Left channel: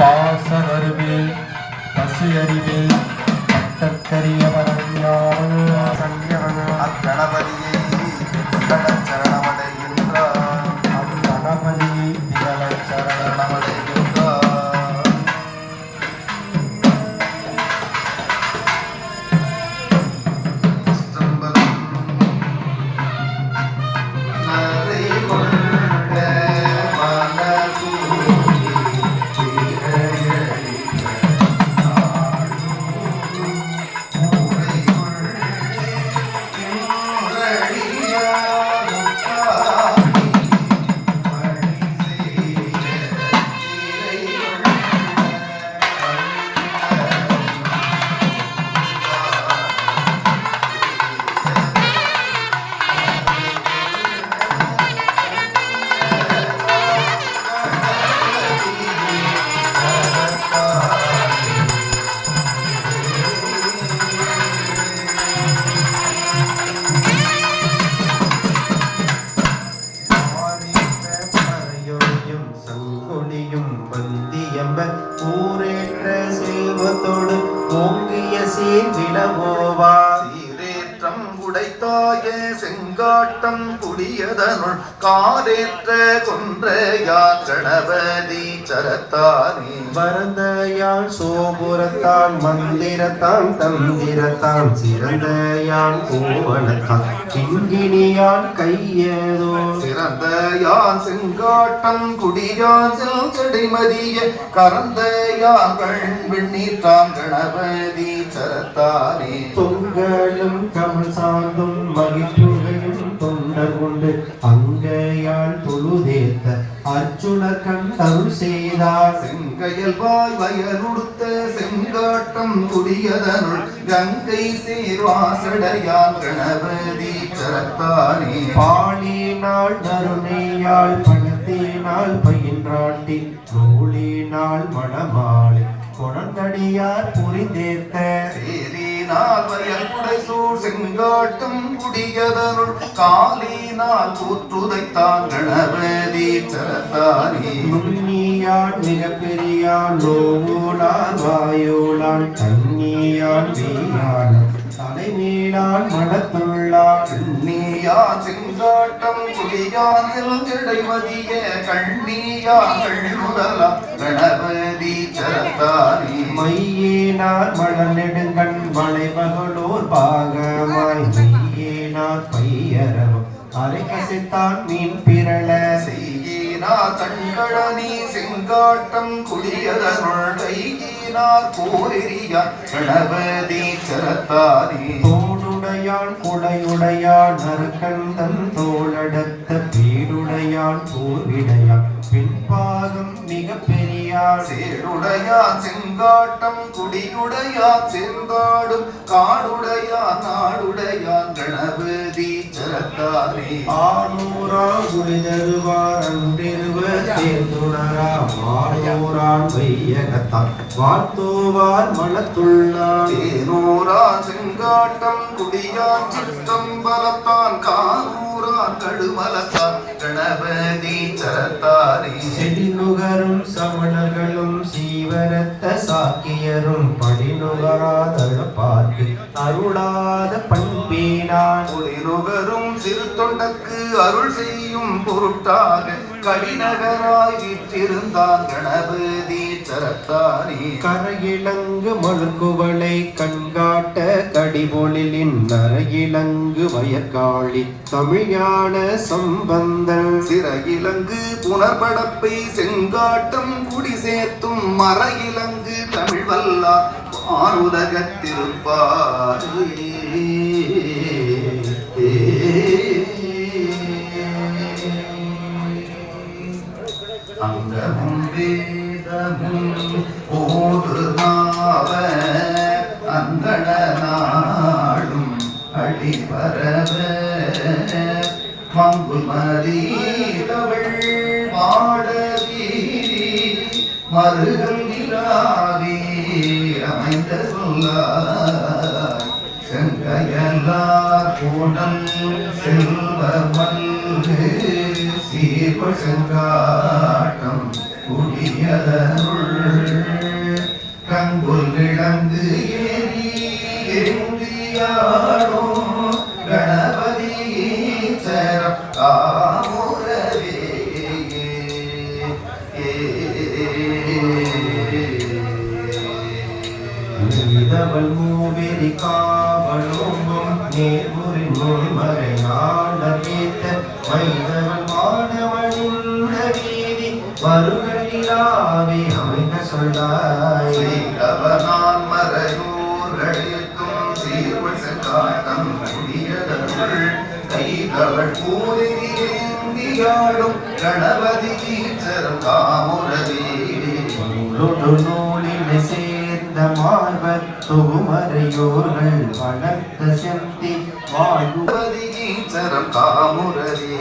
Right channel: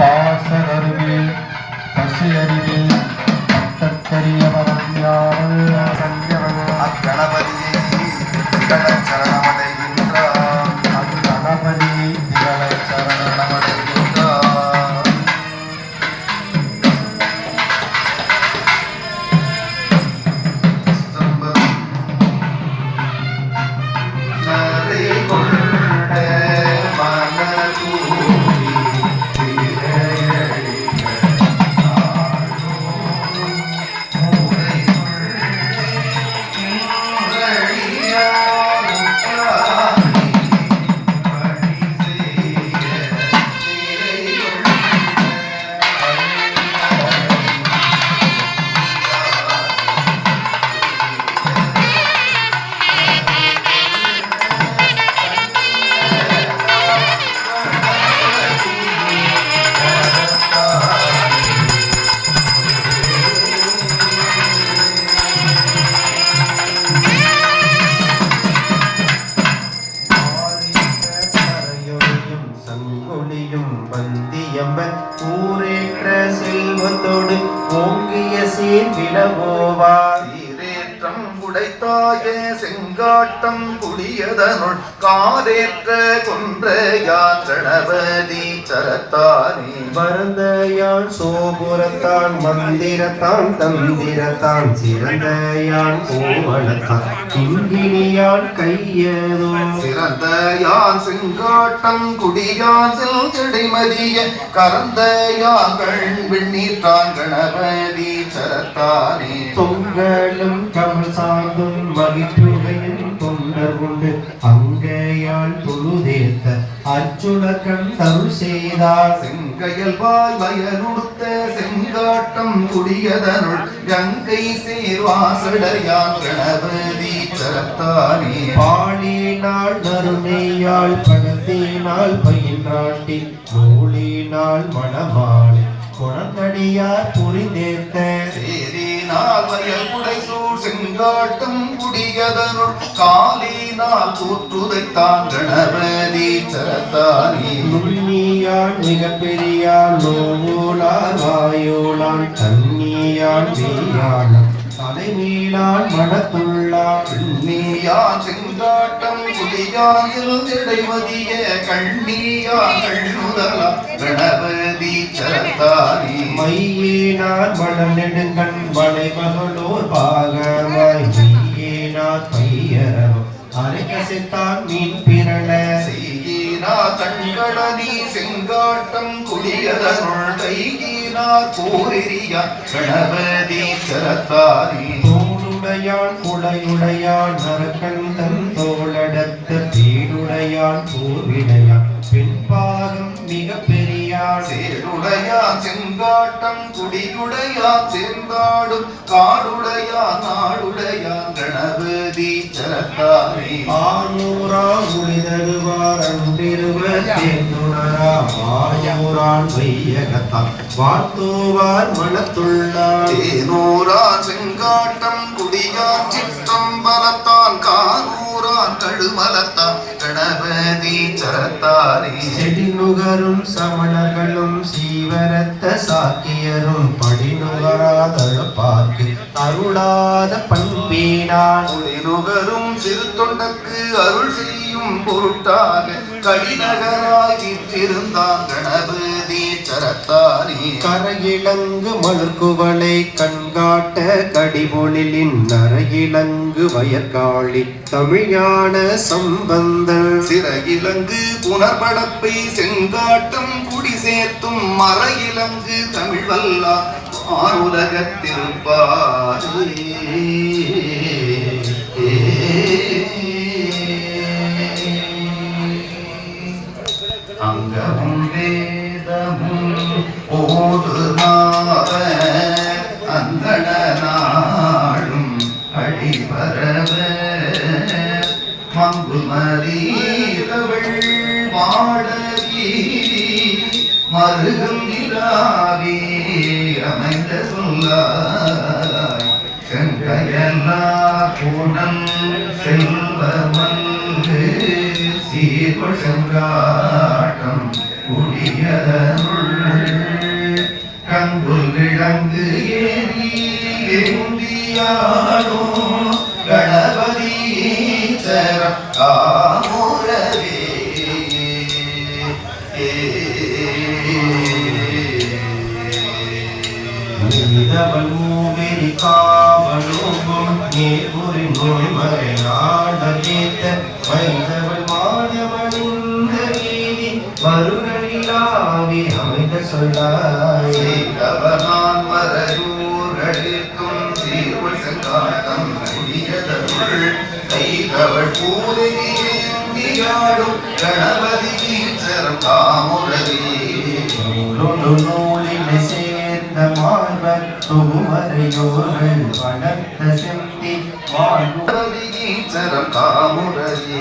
பாசகருவே பசியறிவே பட்டக்கரிய பரவியாமல் சங்கியவன் அக்கணபதியை சரணமடைகின்றான். அக்கணபதி திகழ சரணமடைகின்றான். ஊரேற்ற செல்வத்தோடு ஓங்கிய சீர் விடவோவார். சீரேற்றம் உடைத்தாயே செங்காட்டம் குடியதனுள் காரேற்ற கொன்றையான் கணபதி சரத்தானே. வரந்தயான் சோபுரத்தான் மந்திரத்தான் தந்திரத்தான் சிறந்தயான் கோவலத்தான் கிங்கினியான் கையதோ. சிறந்தயான் செங்காட்டம் குடியான் செல்செடிமதிய கரந்தயான் வெண்ணீற்றான் கணபதி சரத்தானே. தொங்கலும் தமிழ் சார்ந்தும் மகிழ்வுகையும் தொண்டர் கொண்டு அங்கையால் தொழுதேத்த அர்ஜுன கண் அருள் செய்தார். செங்கையல் வாய் வயலுடுத்த செங்காட்டம் குடியதனுள் கங்கை சேர்வாசடையான் கணபதி சரத்தானே. பாலினால் நறுநெய்யால் பழத்தினால் பயின்றாட்டி நூலினால் மணமாலை குணங்கடியார் புரிந்தேத்த. சேரினால் வயல் புடைசூழ் செங்காட்டம் குடியதனுள் காலினால் கூற்றுதைத்தான் கணபதி சரத்தானே. முன்னியான் மிக பெரியான் நோவுலான் வாயோலான் தன்னியான் வீயான் தலைமீளான் மனத்துள்ளான். கண்ணியான் செங்காட்டம் குடியான் செல்செடைமதிய கண்ணியான் கண்ணுதலா கணபதி சரத்தானே. மையேனார் மலர் நெடுங்கண் வளைபகலோர் பாகமாய் மையேனார் பையரவம் அரைக்கசித்தான் மீன் பிறள. செய்யினார் கண்களனி செங்காட்டம் குடியதனுள் கையினார் போரெறியா கணபதி சரத்தானே. தோளுடையான் குடையுடையான் நரக்கந்தன் தோளடத்த பீடுடையான் போர்விடையான் பின்பாகம் மிக பெரியான். சேருடையான் செங்காட்டம் குடியுடையான் சேர்ந்தாடும் காடுடையான் நாடுடையான் கணபதி சரத்தானே. ஆனூரா உளிதருவார் அன்றிருவர் தேர்ந்துணரா மாயூரான் வையகத்தார் வாழ்த்துவார் மனத்துள்ளார். தேனூரான் செங்காட்டம் குடியான் சிற்றம்பலத்தான் காரூரான் கழுமலத்தான் கணபதி சரத்தானே. செடிநுகரும் சமணர்களும் சீவரத்த சாக்கியரும் படிநுகராதழுப்பார்க்கு அருளாத பண்பேனான். குடிநுகரும் சிறு தொண்டற்கு அருள் செய்யும் பொருட்டாக கடிநகராய் வீற்றிருந்தான் கணபதி சரத்தானே. கரையிலங்கு மலர்குவளை கண்காட்ட கடிபொழிலின் நரையிலங்கு வயற்காளி தமிழான சம்பந்தன். சிறையிலங்கு புனர்படப்பை செங்காட்டம் குடி சேர்த்தும் மறையிலங்கு தமிழ் வல்லா ஆருலகத்திருப்பாரே. அங்கமும் வேதமும் ஓடுநாவ அங்கண நாடும் அடிபரவ மங்குமரீதவள் மாடவீரி மருகல் நிலாவே அமைந்த சொல்லாய் செங்கையல்லா பூனல் செல்வமல்கு சீர்வ செங்காட்டம் குடியதனுள் இளங்குல் விளங்கு ஏறி ஏந்தியாடோ கணபதி சரம் காமுரவே இதவள் மூவெறி காவலும் நேர்முறை நோய்மறையாட கேட்ட வைதவள் மாணவனிந்த வீதி மறுகளிலாவே அமைந்த சொல்லாய் செய்தவனான் மறையூர்களுக்கும் சீர்வள் செங்காட்டம் முடியதருள் கைதவள் பூரியாடும் கணபதி சரம் காமுரவே நூலில் சேர்ந்த மார்பர் தொகுமறையோர்கள் வளர்த்த செந்தி சரம் காமுரவே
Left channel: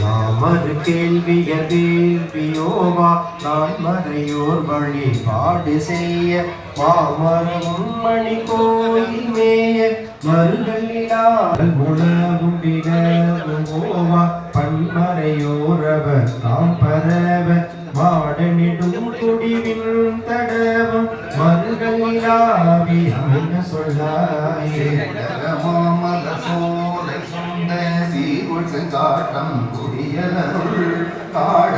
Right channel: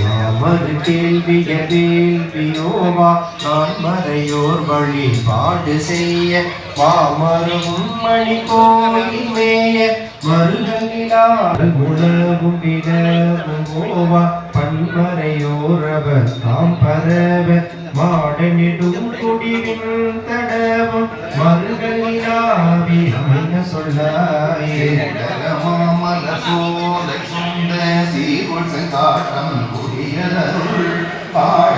நாமது கேள்விய வேள்வியோவா நான் மறையோர் வழிபாடு செய்ய மாமரும் மணி கோயில் மேய மருதனிலால் உணவும் விடவும் போவா பன்மறையோரவர் தாம் பரவ மாடனிடும் குடிவின் தடவும் மருதனிலாவி அமைந்த சொல்லாயே மாமல சோலை சொந்த சீவுள் செங்காட்டம் குடியதருள் காட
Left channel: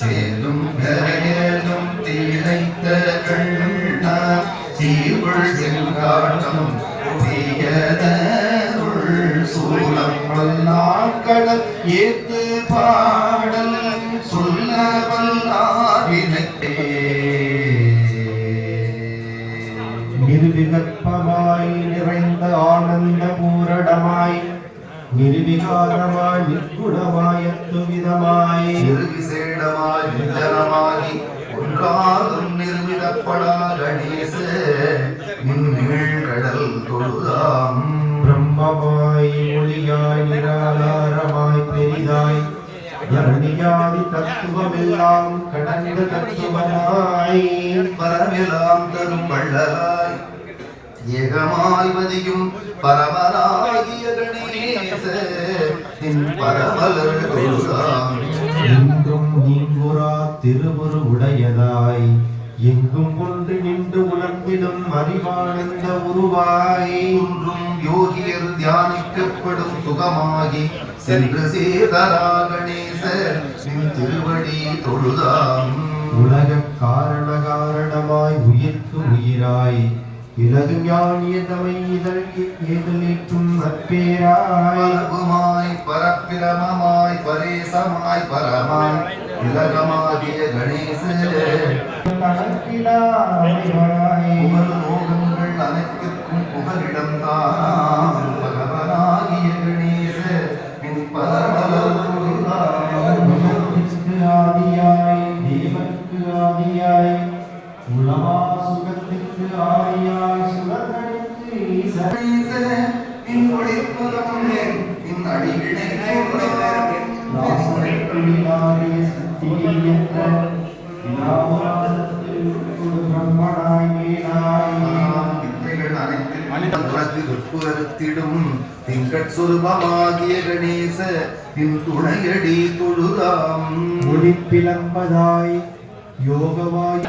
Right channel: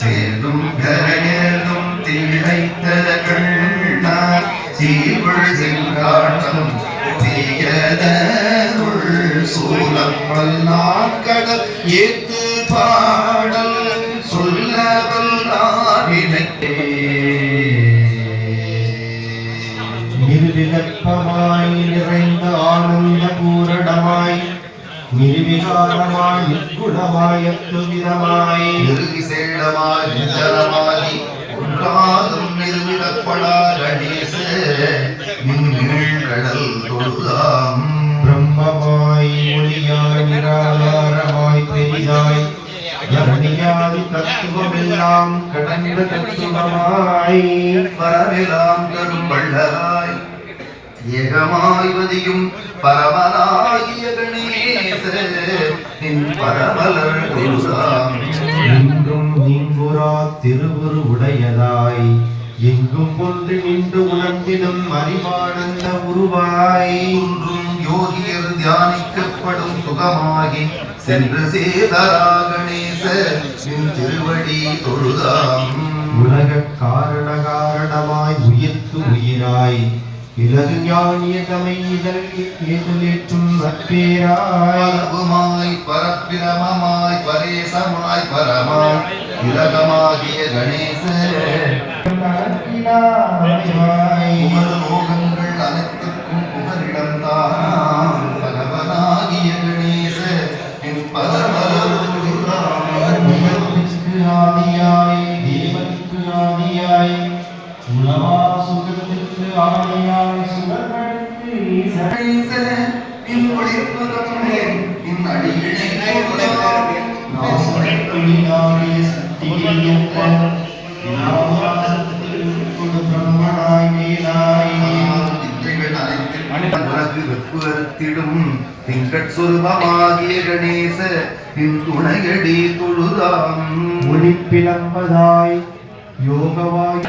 சேரும் கரையலும் திளைத்த கண்ணார் சீர்வள் செங்காட்டம் தீயதருள் சூலம் வல்லாக்கடல் ஏத்து பாடல் சொல்ல வல்லாரினக்கே நிர்விகற்பமாய் நிறைந்த ஆனந்த பூரணமாய் நிர்விகாரமாய் நிர்குணமாய் அத்துவிதமாய் நிர்விசேடமாய் நிஜலமாய் ஒன்றாதும் நிர்விடப்படா கணேச கடல் தொழுதாம் பிரம்மமாய் ஒளியாய் நிராதாரமாய் பெரிதாய் யமுனியாதி தத்துவமெல்லாம் கடந்த தத்துவமாய் பரவெல்லாம் தரும் வள்ளலாய் ஏகமாய் வதியும் பரமனாகிய கணேச நின் பரமலர் தொழுதாம் எங்கும் நீங்குரா திருவுரு உடையதாய் எங்கும் ஒன்று நின்று உணர்ந்திடும் அறிவானந்த உருவாய் ஒன்றும் யோகியர் தியானிக்கப்படும் சுகமாகி சென்று சேதரா கணேச நின் திருவடி தொழுதாம் உலக காரண காரணமாய் உயிர்க்கு உயிராய் இலகு ஞானிய தமை இதற்கு ஏற்றும் நற்பேராய் பரவுமாய் பரப்பிரமமாய் பரேசமாய் பரமாய் இலகமாகிய கணேச உமது லோகங்கள் அனைத்துக்கும் புகலிடம்தான் பகவனாகிய கணேச நின் பதமலர் ஆதியாய் தேவனுக்கு ஆதியாய் உலமா சுகத்துக்கு ஆதியாய் சுகர்களுக்கு நின் ஒளிர்ப்பு நின் அடியினை திங்கட்சுருபமாகிய கணேச நின் துணையடி தொழுதாம் ஒளிப்பிளம்பதாய் யோகவாய்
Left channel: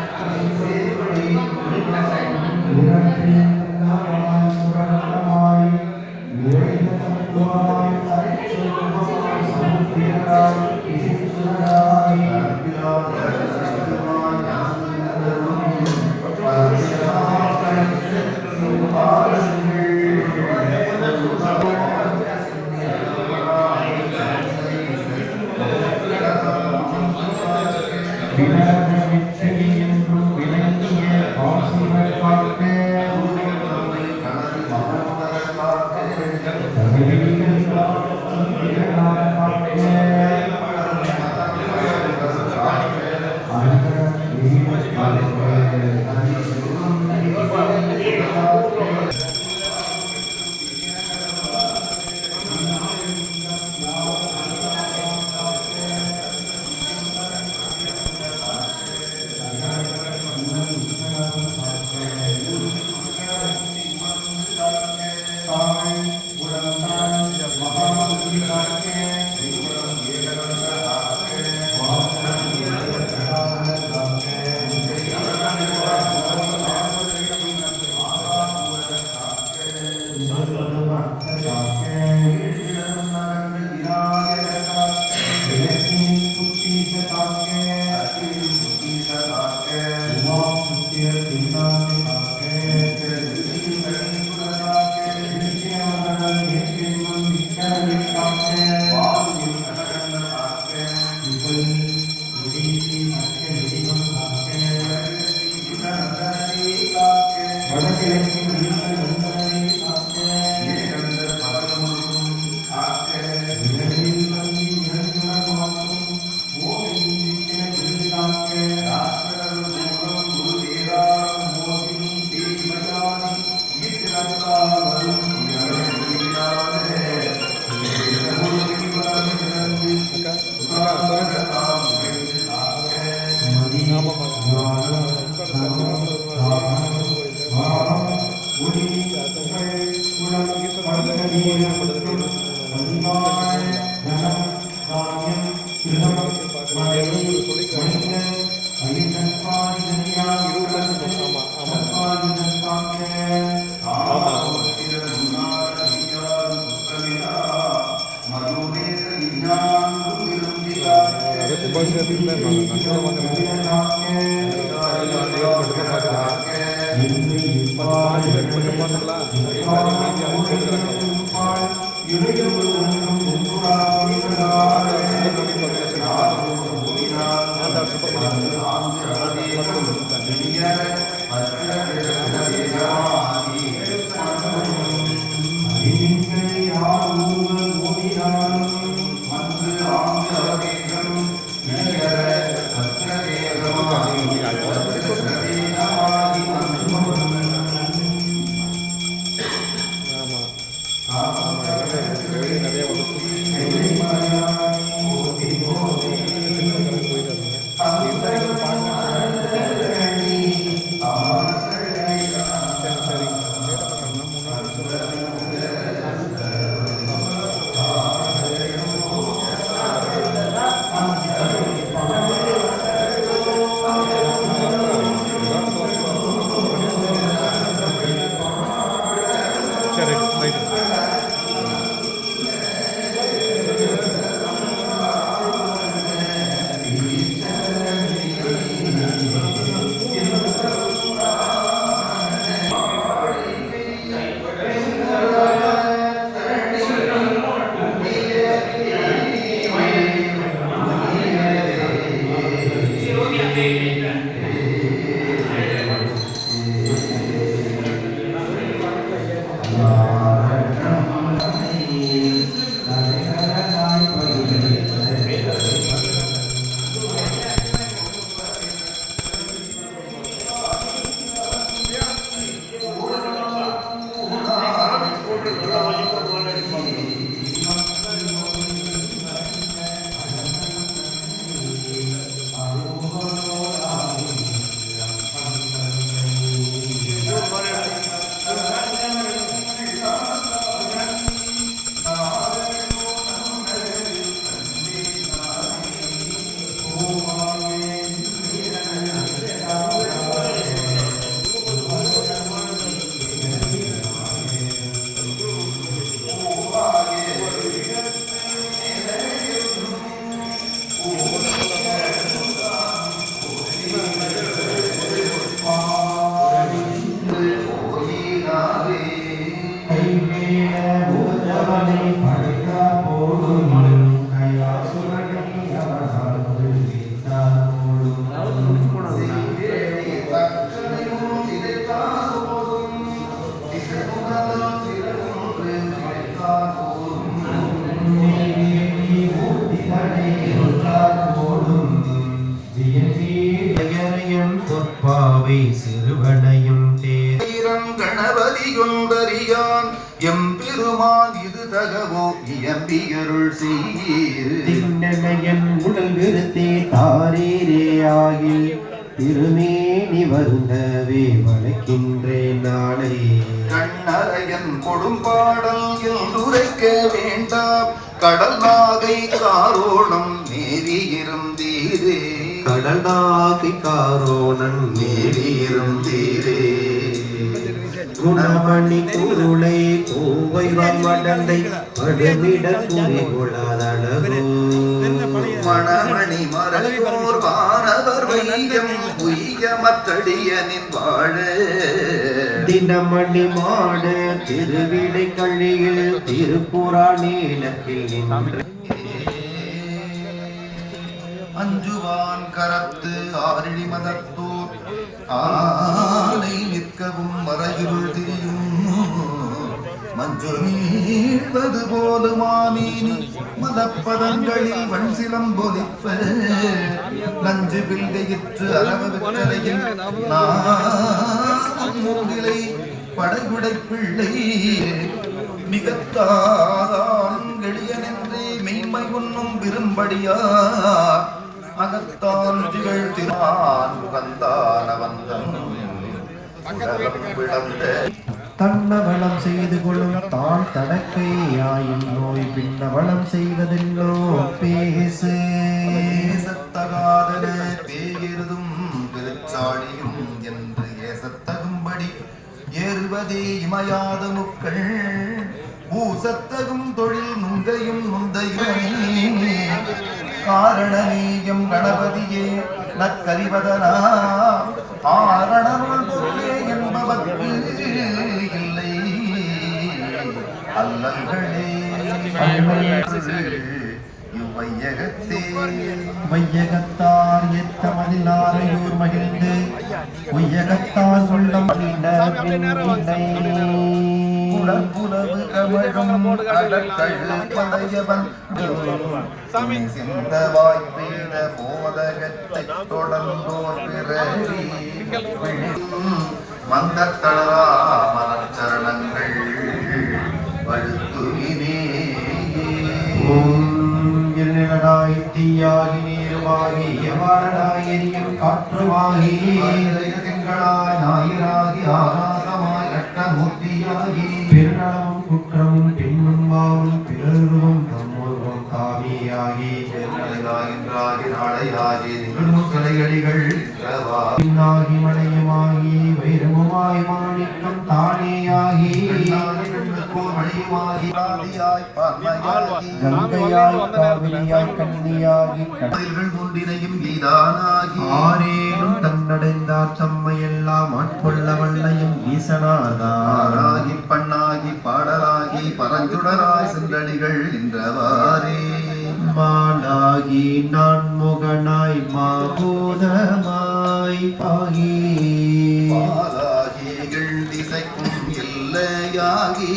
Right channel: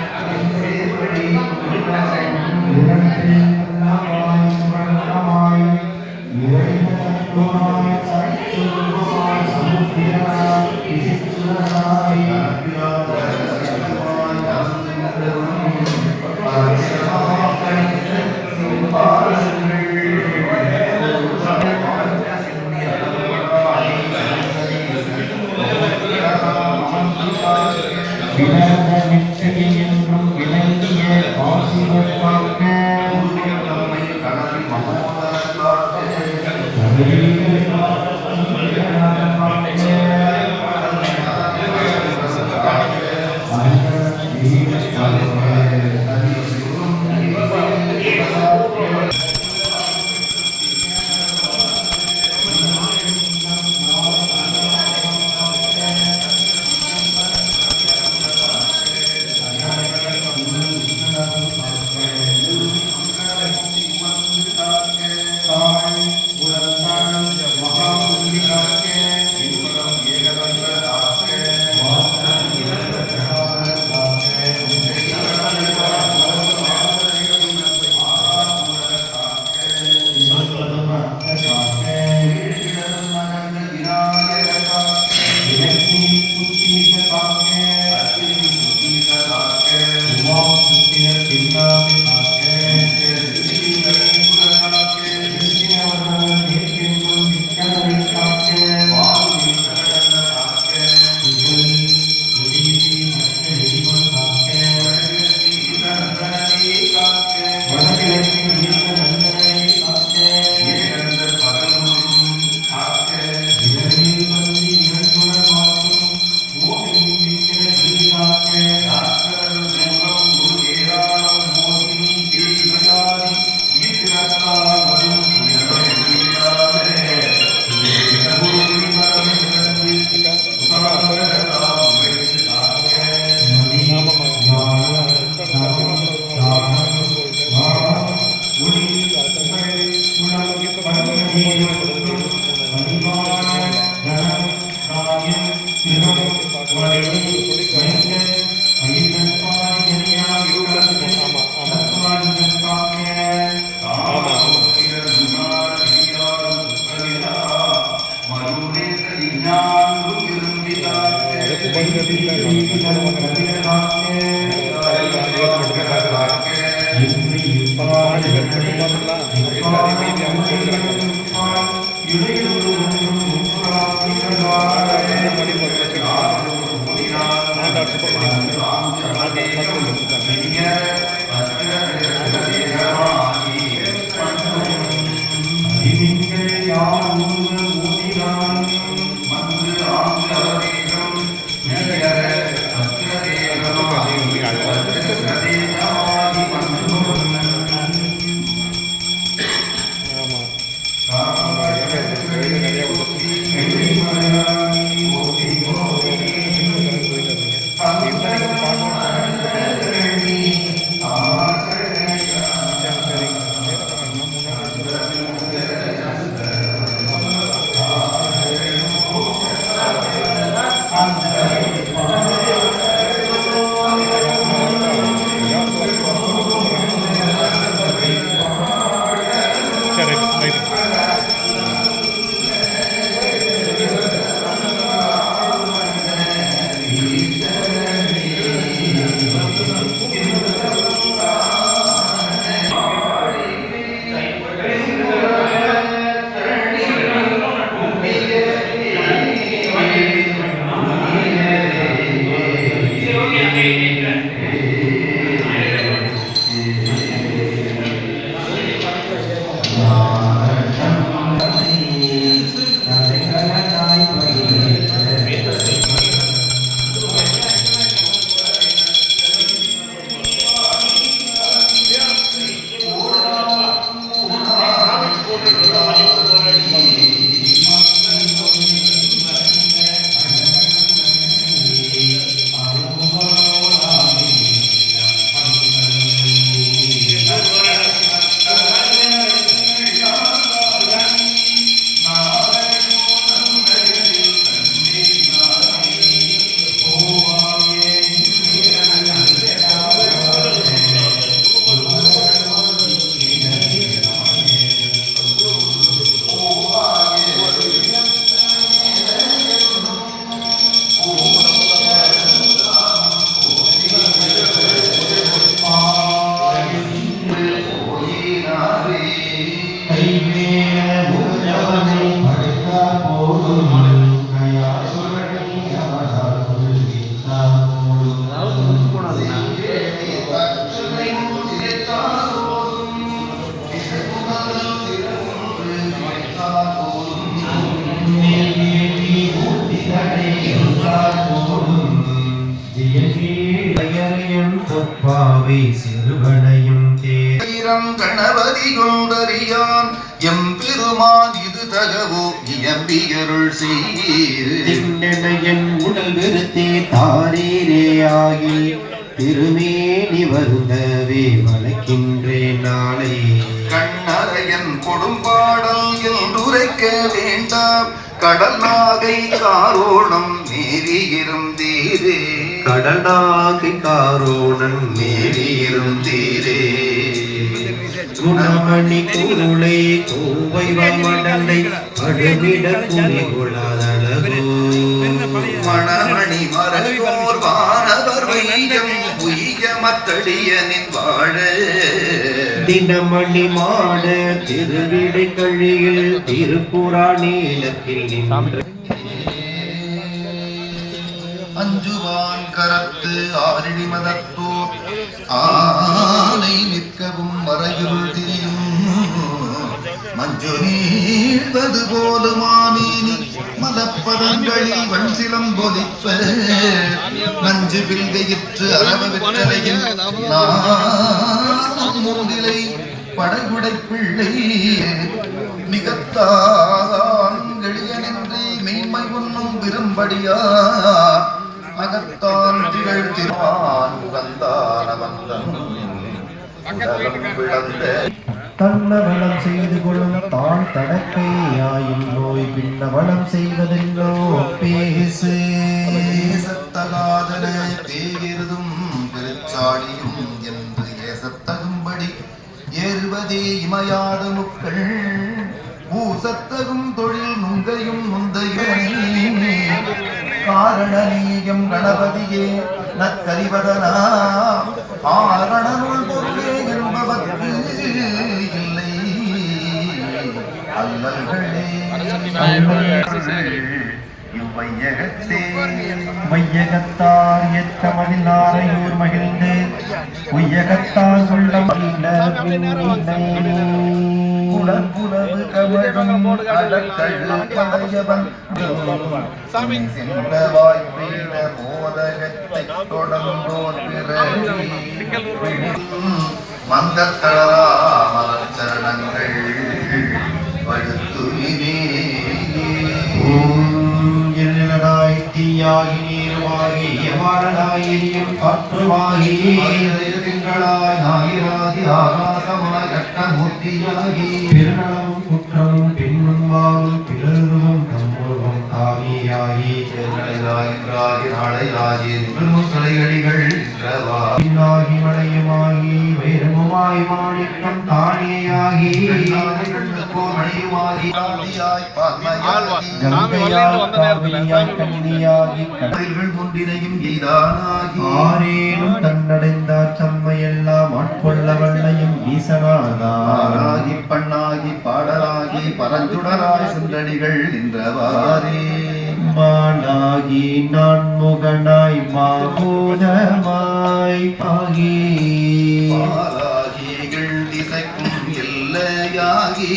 என்றான் எம்பெருமான் இது தகவோ இயம்பியருள் செய்யீர் திண்ணெனையன் உடல் விருத்தே தாரீரே ஆகில் திருமேனி வருந்தவே வளைக்கின்றேன் நாளை கண்ணறையன் கொடும்பாடல் என்றுரைக்க வேண்டாம் கடல் நாகை காரோணம் நேரியிருந்தீரே கடல் நாகை காரோணன் நேரியிருந்தீரே குணமணி குருளை கோவை மடலை அடுமிட குறி கொள்ளாதழகு மணமணி மறையோர் வானவர் வையம் உய்ய மத்தடியனின் வாழ தினமணி மாட திருவிடை கழியில் திருப்புராணீலத்தில் நின்று அஞ்சுவான் கரத்து ஆரிடி மதத்தோர் ஆனை நிற்கவும் மறையுள் திரியும் மஞ்சு நீழ்வது போலுமானீனி மலப்பதங்களில் வன் சிலம்பொலிப்ப நஞ்சு வில்கையிற்று அரவ வெற்றலையில் மூங்கிலை படகுடை பிள்ளை நிகத்தான் எளியனென்றே மெய்மை உண்ணும் விரும்படியா அகத்தான் திகழ் திரான் தன்னவளம் செய்து கொள்ளும் தான் தடக்கையாயின் நோய் பின்னவளம் செய்வதென்னோ பேசு ஏசத்தகாதன பேயிருதும் பெருச்சாடியும் என்று ஏசத்தகும்படி ஏறுவதே இமையாத முக்கள் பூசத்தகும் தொழில் நுங்கையும் நுந்தையுமே காரணநீயம் கணபதியே நற்கரிவதனா ஆரணனுள் பொருளே என்பவர்க்கு இல்லை அல்லல்களே இவ்வையகத்தே வையகத்தார் எத்தமதில் ஆரையூர் மகிழ்ந்து உய்யகத்தார் உள்ளம் புலவு கமழும் அலக்கழுத்தலையவன் சிந்த வாய்ப்பெய்த போதகத்தைத் தொடர்ந்தோர் பிறவி மந்தக்களரா மலர்ச்சரணங்கள் படுத்துவினே எண்ணலாய் தீயாகி நீருமாகி எவாரலாய் எரியும் காற்றுமாகி திங்களாய் ஞாயிறாகி ஆகாசமாய் கட்டமூர்த்தியாகி பெருநலமும் குற்றமும் பெண்ணும் வாவும் பிறரும் தம்மோரும் தாமியாகி நாளையாகி நிகழும் துறைகளிகள் இல்லாகி மலையுமாகி வைரமுமாய் மாணிக்கம் தானேயாகி மணியுமாகி ஒன்றினையும் எய்தானாகி ஆரேனும் தன்னடைந்தார் தம்மையெல்லாம் ஆட்கொள்ள வல்லையும் ஈசனாதாராகி பண்ணாகி பாடலாகி பரஞ்சுடராய் சென்றடிகள் நின்றவாறே மானாகி நான்முகனாய் மாபூதமாய் ஆகி பாலாகிகள் திசைக்கும் எல்லையாகி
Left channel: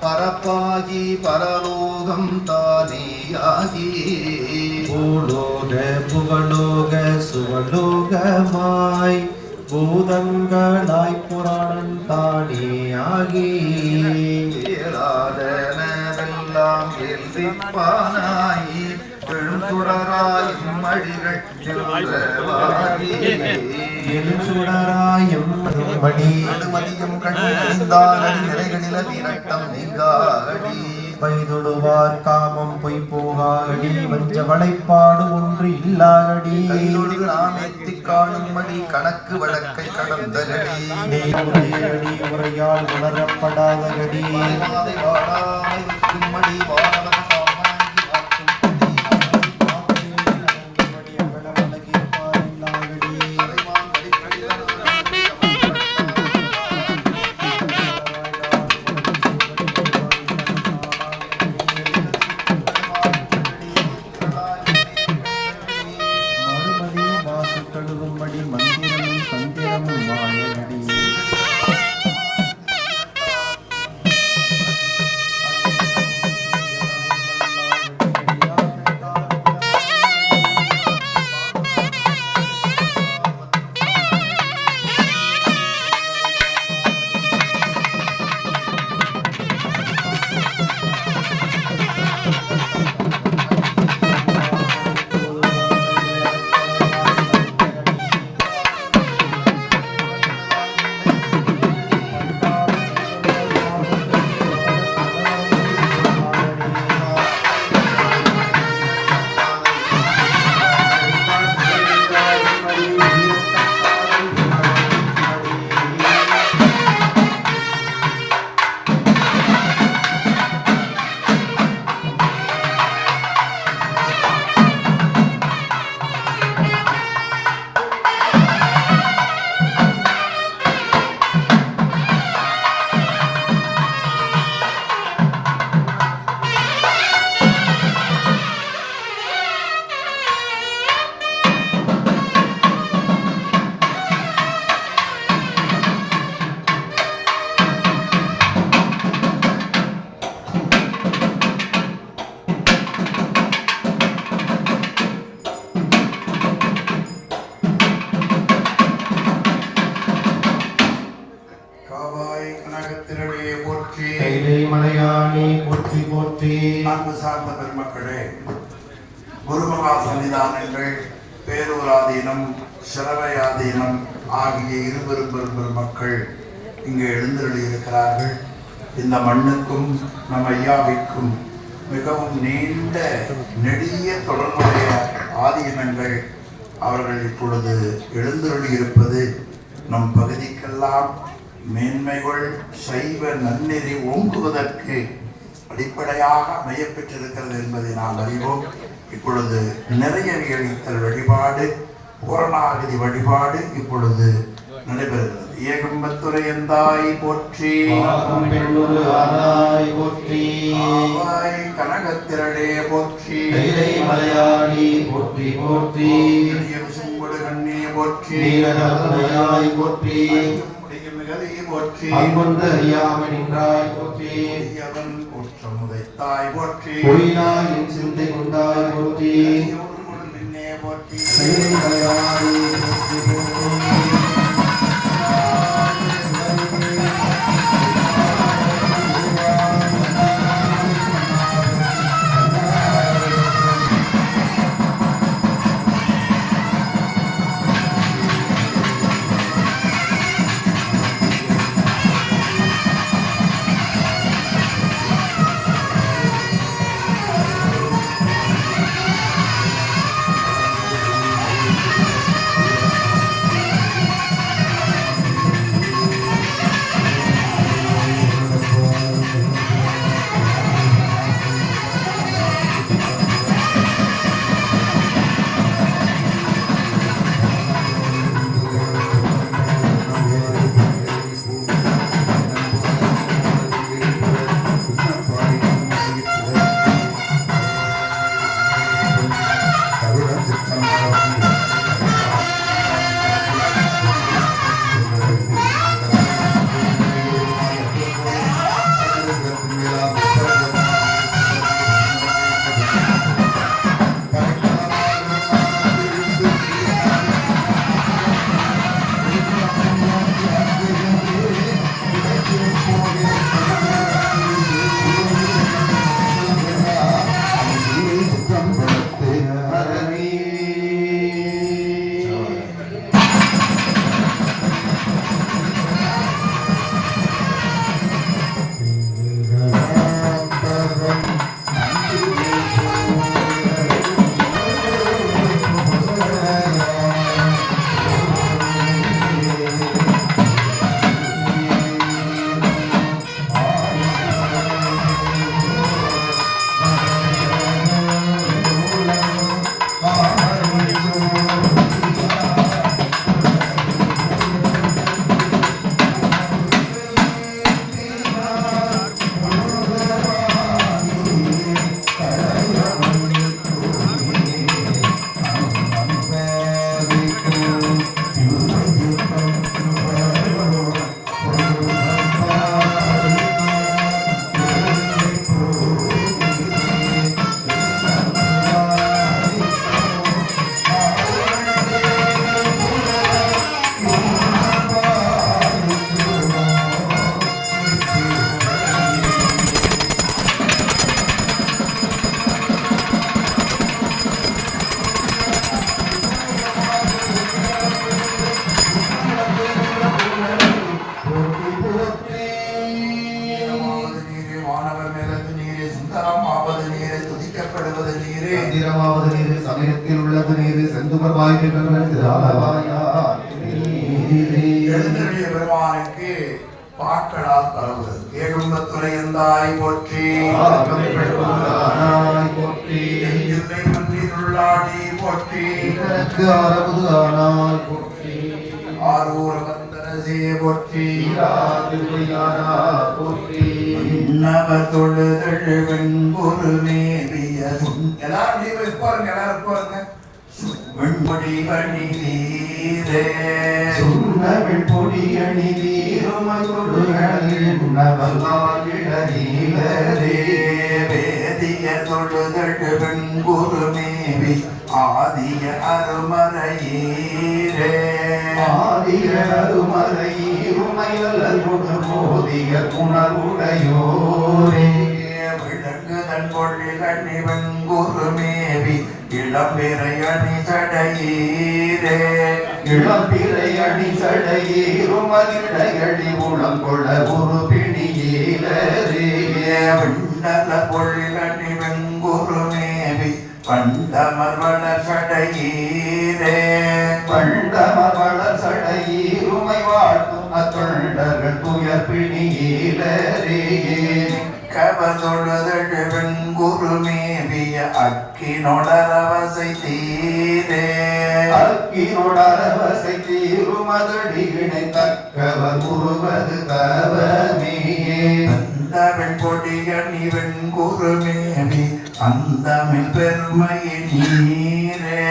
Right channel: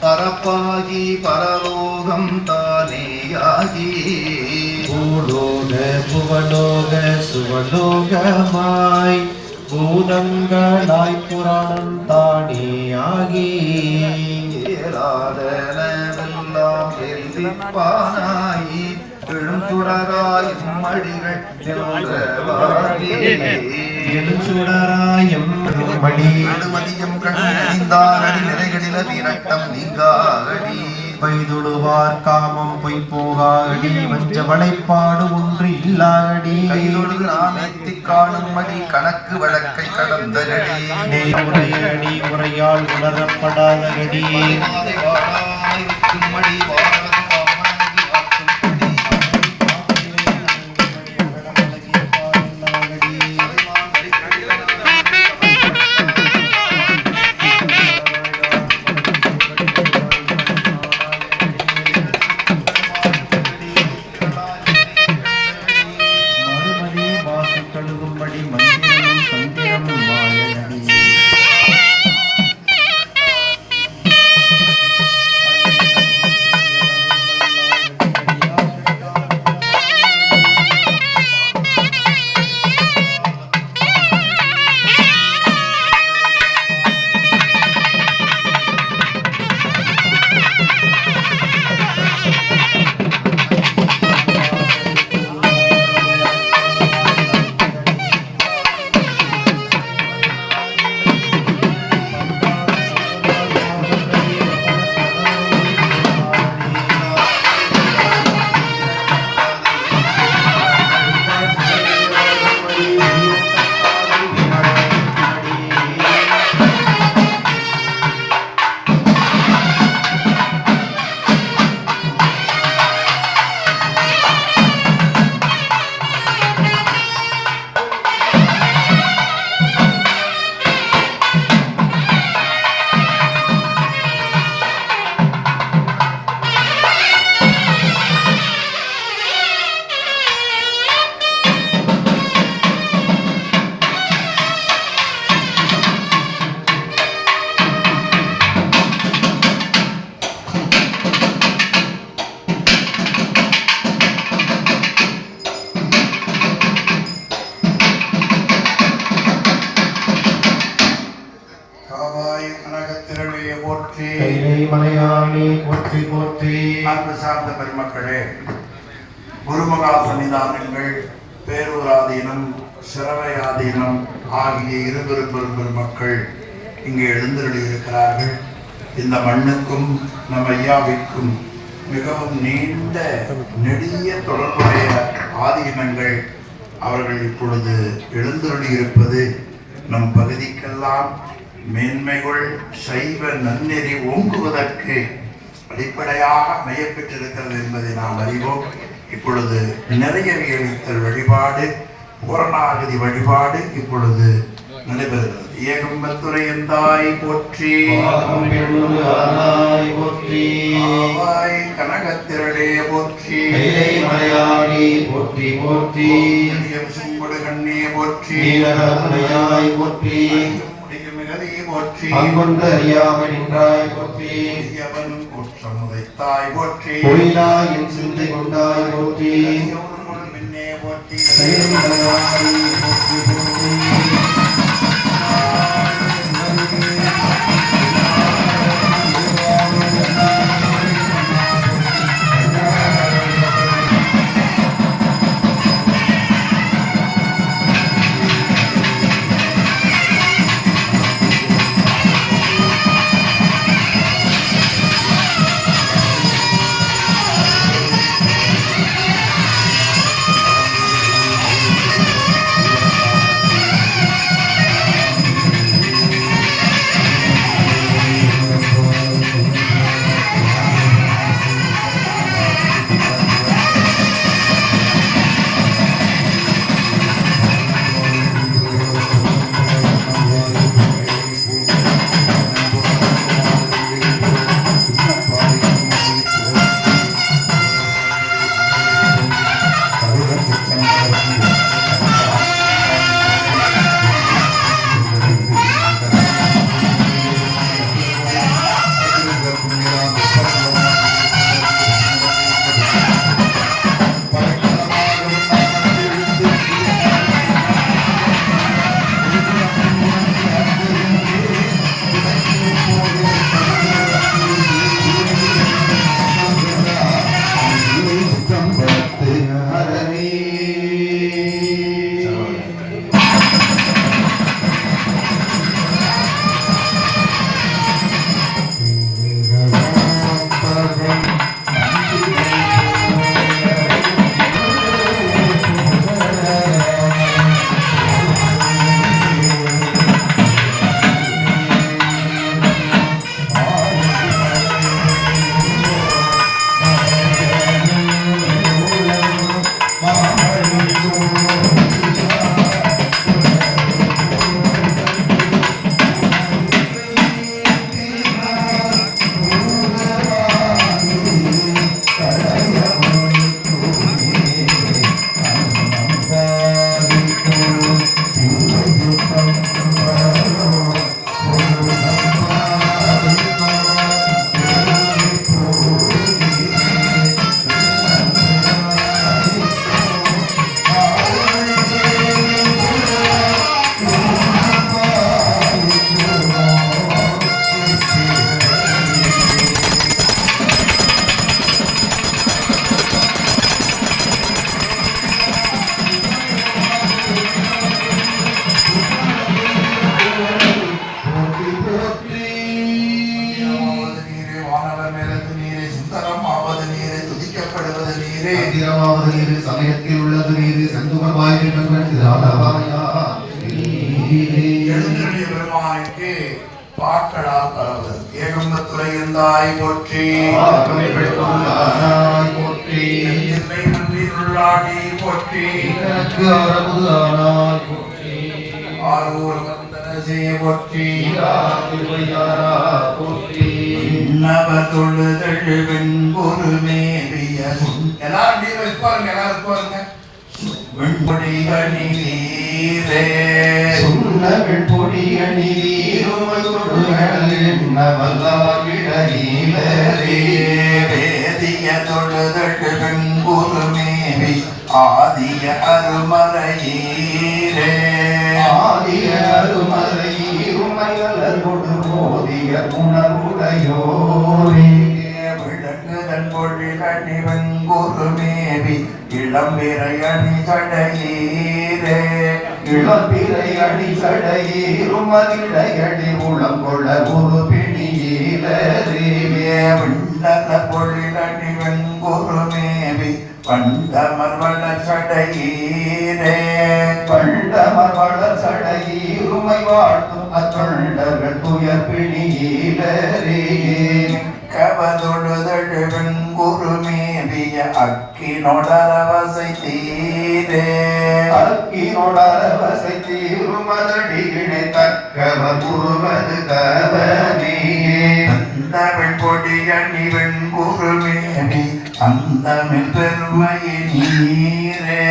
பரப்பாகி பரலோகம் தானேயாகி பூலோக புவலோக சுவலோகமாய் பூதங்களாய் புராணம் தானேயாகி ஏராதனவெல்லாம் எழுதிப்பானாய் எழுந்துடராய் மழிகள் எழுச்சுடராயம் மடி எழுமதியும் கண்ணணிந்தான் அடி நிறைகளில வீரட்டம் நீங்காடி பைதுடுவார் காமம் பொய் போகாடி வஞ்ச வளைப்பாடு ஒன்று இல்லாகடி கைதொழு நாம் எத்திக் காணும்படி கணக்கு வழக்கை கடந்தகடி உரையடி உரையால் உணரப்படாதகடி மாதை வாடாமை விற்கும்படி வாழவன் காமனாகி வாக்கும்படி அறைவான் அடிக்கடிலனாய் மறுமதி வாசு கழுகும்படி மந்திரமும் தந்திரமும் மாயனடி கைலை மலையானே போற்றி போற்றி. அன்பு சார்ந்த பெருமக்களே, குருமகா சன்னிதானங்கள், பேரூராதீனம், சிரவையாதீனம் ஆகிய இருபெரும் மக்கள் இங்கே எழுந்தருளி இருக்கிறார்கள். இந்த மண்ணுக்கும் நம் ஐயாவிற்கும் மிகவும் நீண்ட நெடிய தொடர்புடைய ஆதீனங்கள் அவர்கள் இப்பொழுது எழுந்தருளி இருப்பது நம் பகுதிக்கெல்லாம் மேன்மைகள் சைவ நன்னெறி ஓங்குவதற்கு அடிப்படையாக மையப்பெற்றிருக்கிறது என்பதை நாம் அறிவோம். இப்பொழுது நிறைய அளித்தல் வழிபாடு, பூரணாகதி வழிபாடு இப்பொழுது நடைபெறுகிறது. ஏகம்பத்துரை எந்தாய் போற்றி, ஆவாய் கனகத்திரளே போற்றி, மலையாளி போற்றி போற்றி, சும்புடு கண்ணே போற்றி, போற்றி மிகதி போற்றி, அங்கொன்ற அறியாமை நின்றாய் போற்றி, அவன் குற்றமுதைத்தாய் போற்றி, பொய்யாய் என் சிந்தை கொண்டாய் போற்றி, மின்னே போற்றி, மலையாளி போற்றி போற்றி. சமயத்தில் உள்ளது நீரு செந்துபர்வாய் எழுந்தருளிய பெருமானுக்கு பாக்களால் பரவுவது. ஏகம்பத்துரை எந்தாய் போற்றி, போற்றி, உள்ளாடி போற்றி, போற்றி, ஆரூர் வந்தனசே போற்றி, போற்றி, நவ தொழுதழு வெண்பொரு மேவிய எல்லாரும் நீர் வைப்பாருங்க, எல்லாரும் பாருங்க. வெண்பொடி அணி நீரே, சுண்ணவெண் பொடி அணி நீருமல்லாவிடீரே, வேதிய தொழுதழு வெண்பொரு மேவி ஆதிய அருமறையீரே, ஆதிய அருமறையீருமையலர் கொடு சோதிய உணர்வுடையோரே விளங்குதன் பொழிலணி வெங்குருமேவி இளம்பிறை அணி சடையீரே இளம்பிறை அணி சடையீருமதிடையடி உளம் கொள்ள ஒரு பிணியீரே விண்ணல பொழிலணி வெங்குருமேவி கண்டமர்வள சடையீரே கண்டமவள சடையீருமை வாழ்த்தும் அத்தொண்டர்கள் துயர் பிணியீரே கவதொழுதழு வெங்குருமேவிய அக்கினொடரவசை தீரே அக்கினொடரவசை தீருமதடியினை தக்கவர் உருவது தவமே அந்தமிழ் பொடியணி வெண்குருமேனி அந்தமிழ் பெருமையினீரே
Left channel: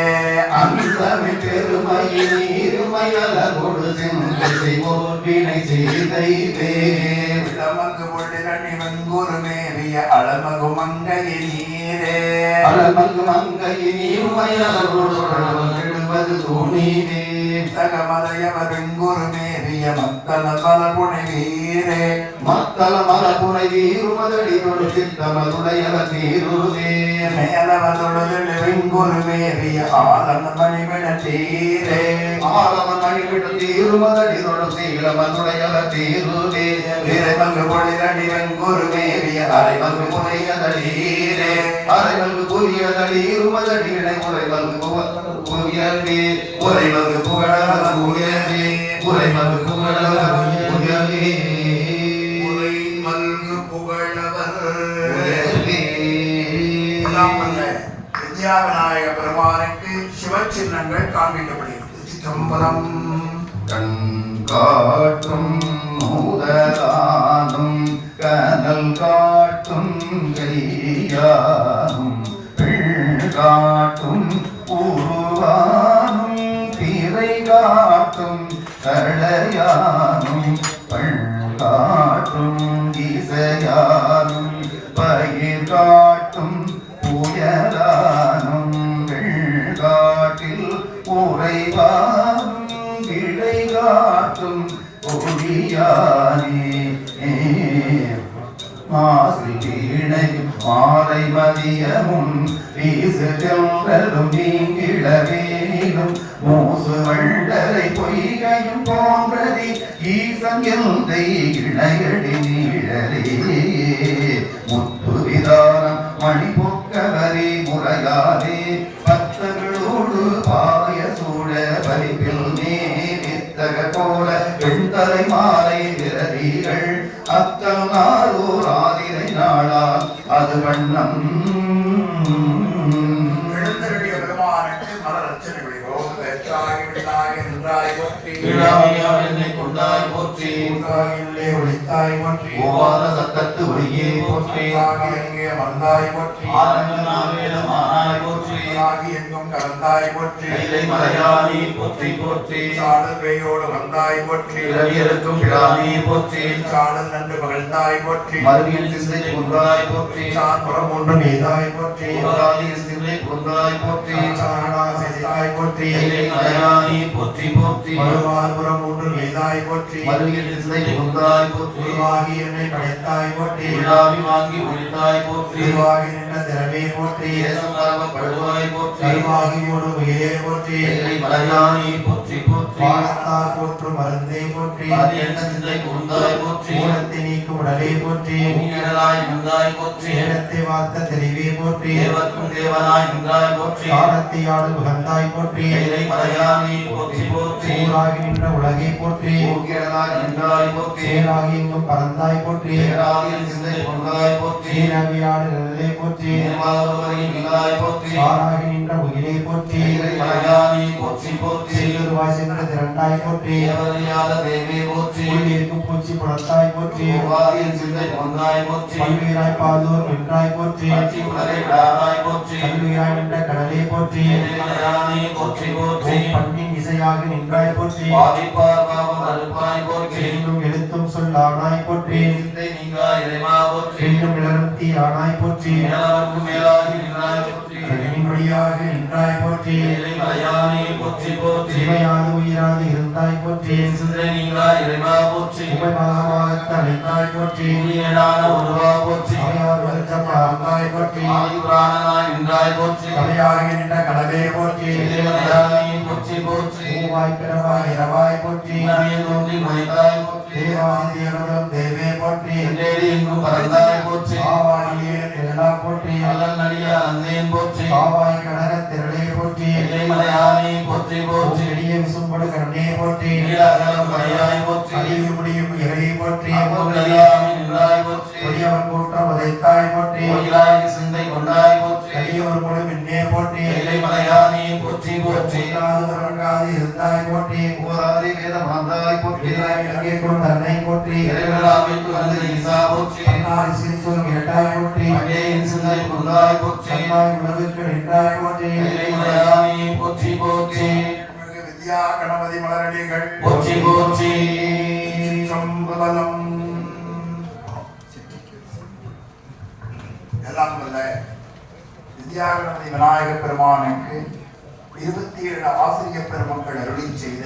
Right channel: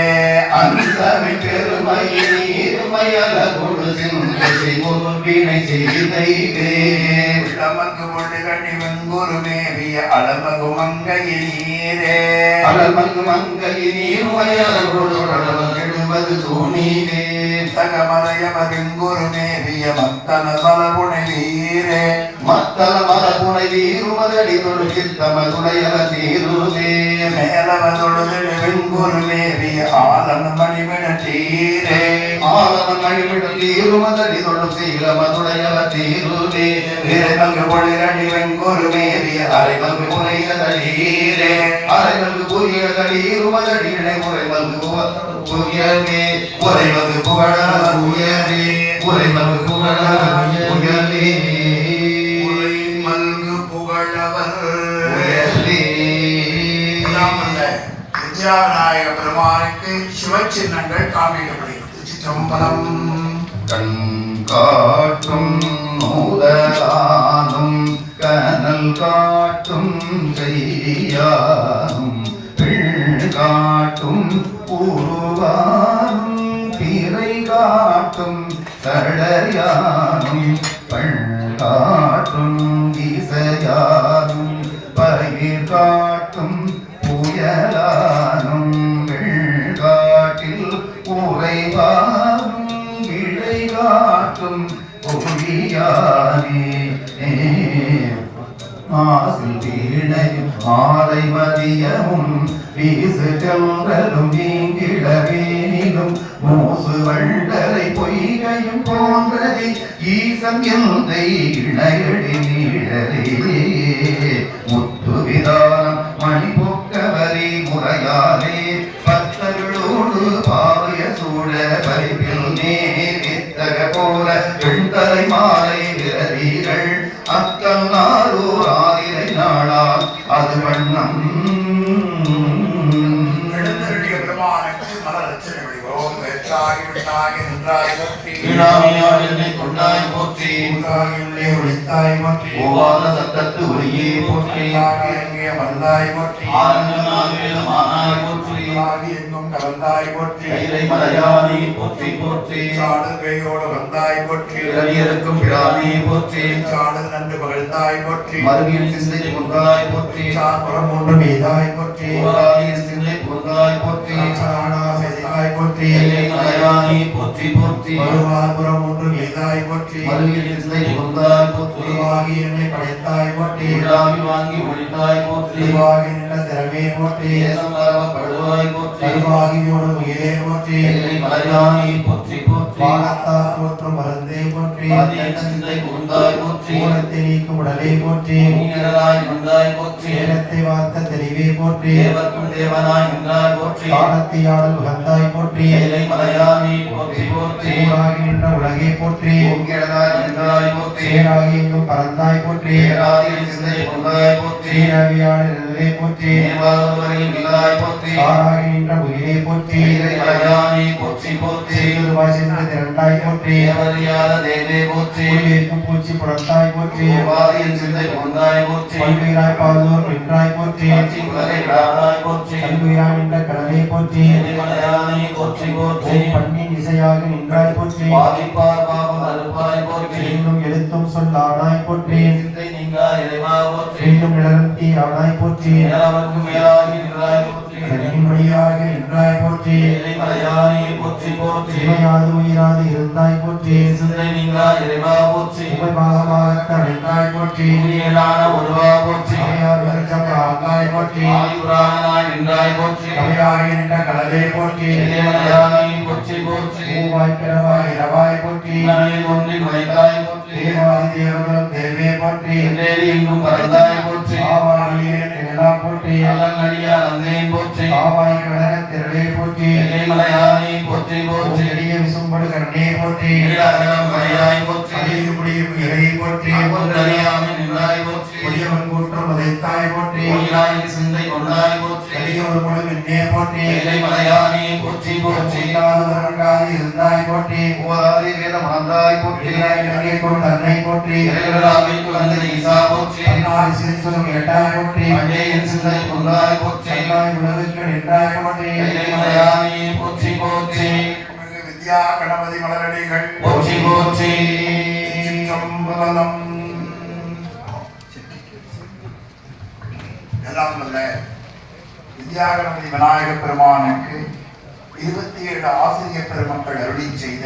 அந்தமிழ் பெருமையினீருமையலகொடு சிந்தை முன்பினை செய்தைவே இளமகு பொடிகணி வெண்குருமேவிய அழமகு மங்கையினீரே அலமங்கு மங்கையினீருமையலகொடு எழுவது தூணிவே தகமறையவ வெண்குருமேவிய மக்கள பலபுனை வீரே மத்தல மலபுனை வீருமதடி தொழு சித்தமதுடையவ தீருவே மேலவதொழுதழு வெண்குருமேவிய ஆலம மணிமிட தீரே ஆலவன் மணிவிடம் தீருமதடி தொழு சீலமதுடையவ தீருவே வீரமங்கு பொழிலணி வெண்குருமேவிய அரைமங்கு புனையதீரே அரைமங்கு புரியதீருமதடியினை உரைமங்கு புயவே உரைமங்கு புகழ உயவே உரைமங்கு புகழ உயவே உரை மல்கு புகழவர் உயவே வித்யாவிநாயக பெருமானுக்கு சிவச்சின்னங்கள் காண்பிக்கப்படுகிறது. சிற்றம்பலம். கண் காட்டும் மூதலானும் கனல் காட்டும் கையானும் பிள் காட்டும் உருவானும் பிறை காட்டும் சடையானும் பள் காட்டும் இசையானும் பயிர் காட்டும் புயலானும் வெள்காட்டில் உறைவானும் இழை காட்டும் ஒளியானே மாசில் வீணையும் மாலை மதியமும் வீசு செல்வரும் நீங்கிடவேனிலும் மூசு வண்டரை பொய்கையும் போன்றதி ஈசன் எந்தை இணையடி நீழலே முத்து விதானம் மணி போக்கவரே முறையாலே பக்தர்களோடு பாவிய சூழ பரிபில் நேவித்தக போல வெண்தலை மாலை விரதிகள் அத்தம் நாளோர் ஆதிரை நாளால் அது வண்ணம் எழுந்தருளிய பெருமானுக்கு மலர் அர்ச்சனை விடுகிறோம். வெற்றாகி விட்டாகி நின்றாய் போற்றி. வீணாமையால் என்னை கொண்டாய் போற்றி உள்ளாகி உள்ளே ஒளித்தாய் போற்றி. ஓவாத சத்தத்து ஒளியே போற்றி உள்ளாகி எங்கே வந்தாய் போற்றி. ஆனந்தமானாய் போற்றி உள்ளாகி எங்கும் கலந்தாய் போற்றி. கைலை மலையானே போற்றி போற்றி சாடல் கையோடு வந்தாய் போற்றி. பிறவியருக்கும் பிரானே போற்றி சாடல் நன்று மகிழ்ந்தாய் போற்றி. மருவியின் சிந்தை கொன்றாய் போற்றி சார்புறம் ஒன்று மீதாய் போற்றி. ஓராதியின் சிந்தை கொன்றாய் போற்றி சாரணா செய்தாய் போற்றி. கைலை மலையானே போற்றி போற்றி மறுவார்புறம் ஒன்று மீதாய் போற்றி. மருவியின் சிந்தை கொன்றாய் போற்றி உருவாகி என்னை படைத்தாய் போற்றி. விழாவி வாங்கி ஒழித்தாய் போற்றி உருவாகி நின்ற திறமே போற்றி. தேசம் படுவாய் போற்றி கருவாகி ஓடு உயிரே போற்றி. கைலை மலையானே போற்றி போற்றி வானத்தார் போற்றும் மருந்தே போற்றி. ஆதியண்ட சிந்தை கொன்றாய் போற்றி ஊனத்தை நீக்கும் உடலே போற்றி. நீரலாய் நின்றாய் போற்றி ஏனத்தை வார்த்த தெளிவே போற்றி. தேவர்க்கும் தேவனாய் நின்றாய் போற்றி காலத்தை ஆடல் உகந்தாய் போற்றி. கைலை மலையானே போற்றி போற்றி ஊராகி நின்ற உலகே போற்றி. ஊங்கிடனாய் நின்றாய் போற்றி சேராகி எங்கும் பறந்தாய் போற்றி. பேராதியின் சிந்தை கொன்றாய் போற்றி சீரவியாடு நிழலே போற்றி. நேர்வாழ்வரையும் நின்றாய் போற்றி ஆராகி நின்ற உயிரே போற்றி. கைலை மலையானே போற்றி போற்றி செய்யுருவாய் சென்று திரண்டாய் போற்றி. தேவறியாத தேவே போற்றி உள்ளிருக்கும் பூச்சி புணர்ந்தாய் போற்றி. ஆதியின் சிந்தை கொன்றாய் போற்றி பல்லுயிராய் பாதோர் நின்றாய் போற்றி. காட்சி உலகை விடாதாய் போற்றி கல்லுயிராய் நின்ற கடலே போற்றி. கைலை மலையானே போற்றி போற்றி பண்ணின் இசையாக நின்றாய் போற்றி. பாவிப்பார் பாவம் அறுப்பாய் போற்றி இன்னும் எழுத்தும் சொல்லானாய் போற்றி. சிந்தை நீங்கா இறைவா போற்றி இன்னும் நிலர்த்தி ஆனாய் போற்றி. மேலாவர்க்கும் மேலாகி நின்றாய் போற்றி மொழியாக நின்றாய் போற்றி. கைலை மலையானே போற்றி போற்றி சிவையாது உயிராது இருந்தாய் போற்றி. சிந்தை நீங்கா இறைவா போற்றி உபபாகமாக போற்றி உயிரான ஒருவா போற்றி அவையார் வருத்தம் ஆங்காய் போற்றி ஆயுரானாய் நின்றாய் போற்றி அவையாகி நின்ற கடலே போற்றி தேவனையானி போற்றி போற்றி பூவாய் பிறவாய் இரவாய் போற்றி நானே தோன்றி மலைத்தாய் போற்றி தேவாதி தேவர்களும் தேவே போற்றி தேடி எங்கும் பறந்தாய் போற்றி ஆவாடியே திரளா போற்றி அல்லங்கடியா அந்தேன் போற்றி ஆவாய் கடக திரளே போற்றி மலையானி போற்றி போற்றி செடிய விசும்படு கண்ணே போற்றி மலையாய் போற்றி அழிவு முடியும் இலை போற்றி அறியாமை நின்றாய் போற்றி கொடியவன் கூட்டம் உதைத்தாய் போற்றி உயிராய் சிந்தை கொண்டாய் போற்றி கலியோர் முழு மின்னே போற்றி எல்லை மலையானி போற்றி போற்றி இல்லாதவர்காது இருந்தாய் போற்றி ஓராதி வேதம் ஆந்தாய் போற்றி இலங்கை கொண்டு அன்னை போற்றி இறைவனாவிற்கு வந்த ஈசா போற்றி அன்னாரி சிரித்தும் கேட்டாய் போற்றி அஜேயன் சிந்தை கொண்டாய் போற்றி அன்னாய் உலகுக்கு நின்றாய் போற்றி எல்லை மலையானி போற்றி போற்றி வித்யா கணபதி மலரடிகள் போற்றி போற்றி சம்பலம் எல்லாம் வல்ல வித்யா கணபதி விநாயக பெருமானுக்கு 27 ஆசிரியர் பெருமக்கள் அருளி செய்த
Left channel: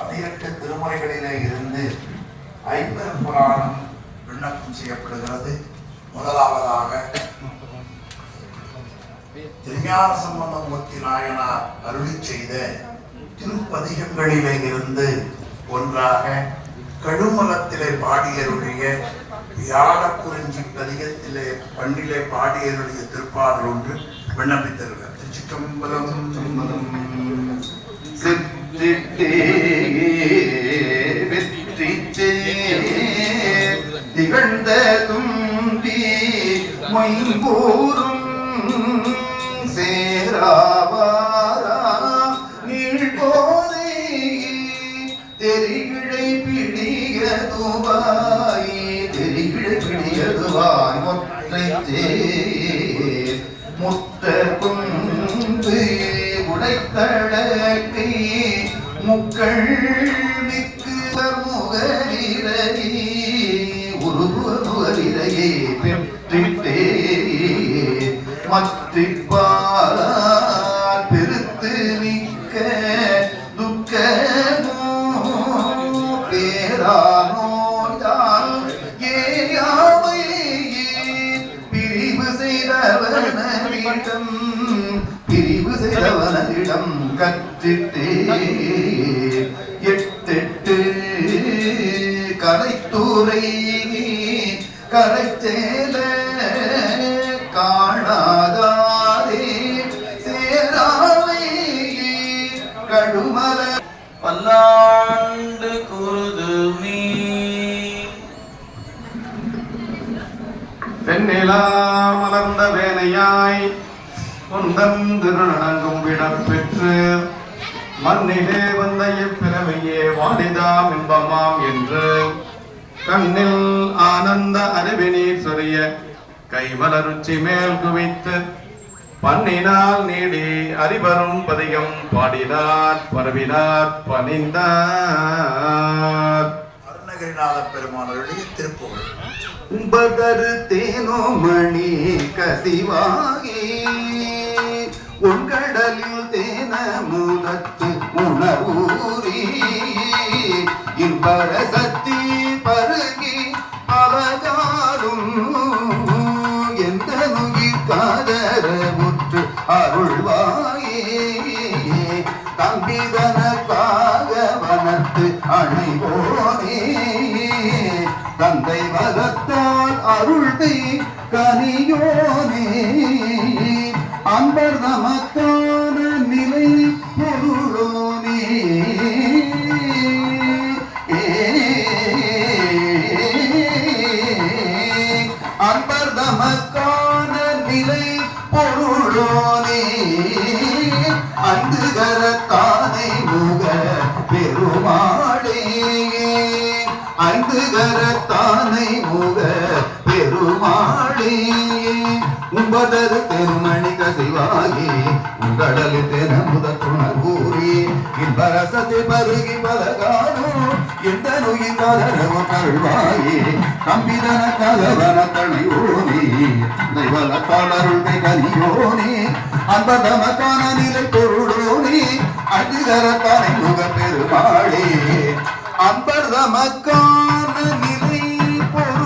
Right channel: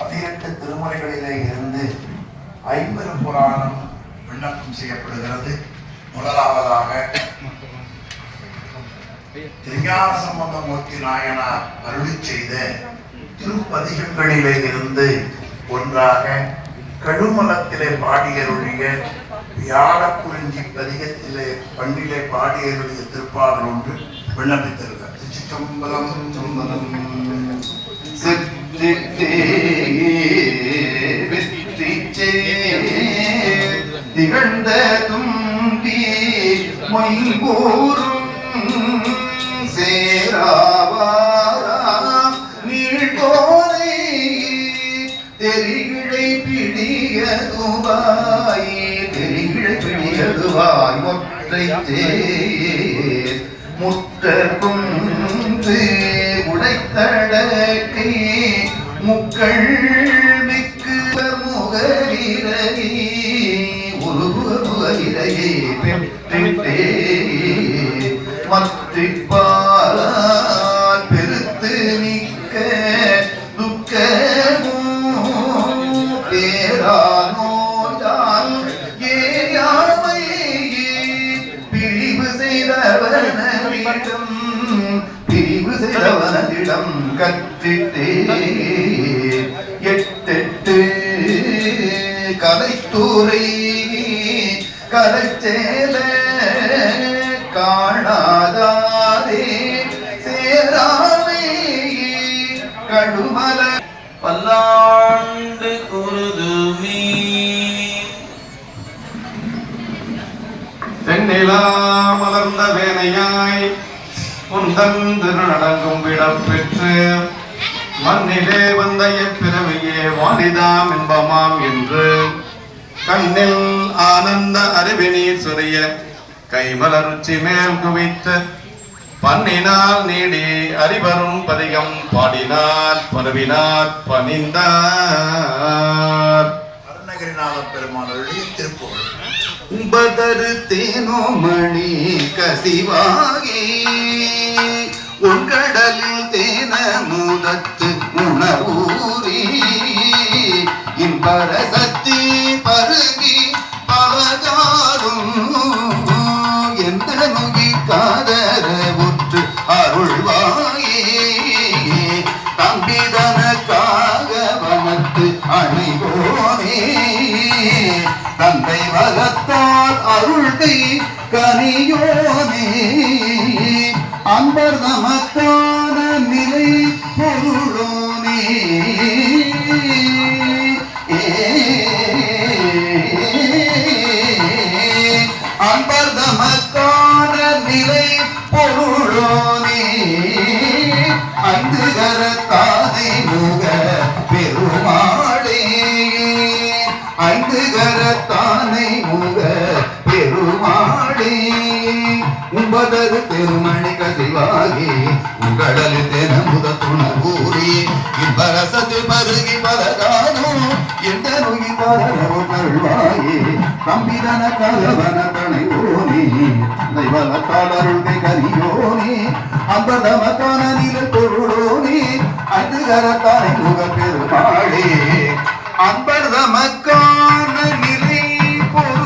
18 திருமுறைகளிலே இருந்து 50 புராணம் விண்ணப்பம் செய்யப்படுகிறது. முதலாவதாக திருஞான சம்பந்தமூர்த்தி நாயனார் அருளி செய்த திருப்பதிகங்களிலே இருந்து ஒன்றாக கடுமலத்திலே பாடியருடைய யாழக்குறிஞ்சி பதிகத்திலே பண்ணிலே பாடியருடைய திருப்பாடல் ஒன்று விண்ணப்பித்திருக்கிறார். திருச்சிற்றம்பலம் சம்பலம் சிற்றிட்டே வெற்றிச்சே திகழ்ந்த தும்பி மொய்கூறும் சேராவாரா நீழ்கோரை தெரிகிழை பிடியதுவாய் தெரிகிழை பிடியதுவாய் ஒற்றை முற்ற குந்து உடைத்தடக்கை முக்கள் மிக்கு முகலிரையே உருகுவலிரையே பெற்றிட்டே மற்றிப்பால் பெருத்து நிற்க துக்கமோ பேரானோயால் ஏயாமை பிரிவு செய்தவனிடம் கற்றிட்டே எட்டெட்டு கலைத்துறை கலைச்சேல காணாதாரே சேராமை கடுமல பல்லாண்டு குருதுமீ தென்னிலா மலர்ந்த வேலையாய் குந்தம் திருநடங்கும் விடம் பெற்று மண்ணிலே வந்த எப்பிறவையே வாடிதாம் இன்பமாம் என்று கண்ணில் ஆனந்த அறிவினீர் சொரிய கைமலர்ச்சி மேல் குவித்து பண்ணினால் நீடி அறிவரும் பதிகம் பாடினார் பரவினார் பணிந்தார். அருணகிரிநாத பெருமானுடைய திருப்புகழ். உம்பதரு தேனோமணி கசிவாகி உங்கடலில் தேன முதத்து உணவூரி இன்பர சக்தி பருகி பலகாலும் எந்த நுகிக்காதர உற்று அருள்வாயே தம்பிதனக்காக வனத்து அணிவோனே தந்தை வளத்தால் அருள்கை கனியோனே அன்பர் நமக்கான நிலை பொருளோனே அன்பர் நமக்கான நிலை பொருளோனே அன்று கரத்தானை முக பெருமாளே ஐந்து கரத்தானை முக பெருமாளே உம்பதரு தெருமணி கசிவாகி உங்கடலு தென முதத்துணர்வூரி இன்பரசத்தை பருகி பலகாலும் எந்த நோய் தரவு கருள்வாயே தம்பிதன கலவன தனையோனே தெய்வலத்தால் அருள்கை கனியோனே அம்பதமக்கான நிலை பொருளோனே அன்று கரத்தானை முக பெருமாளே அன்பர் தமக்கான நிலை பொருள்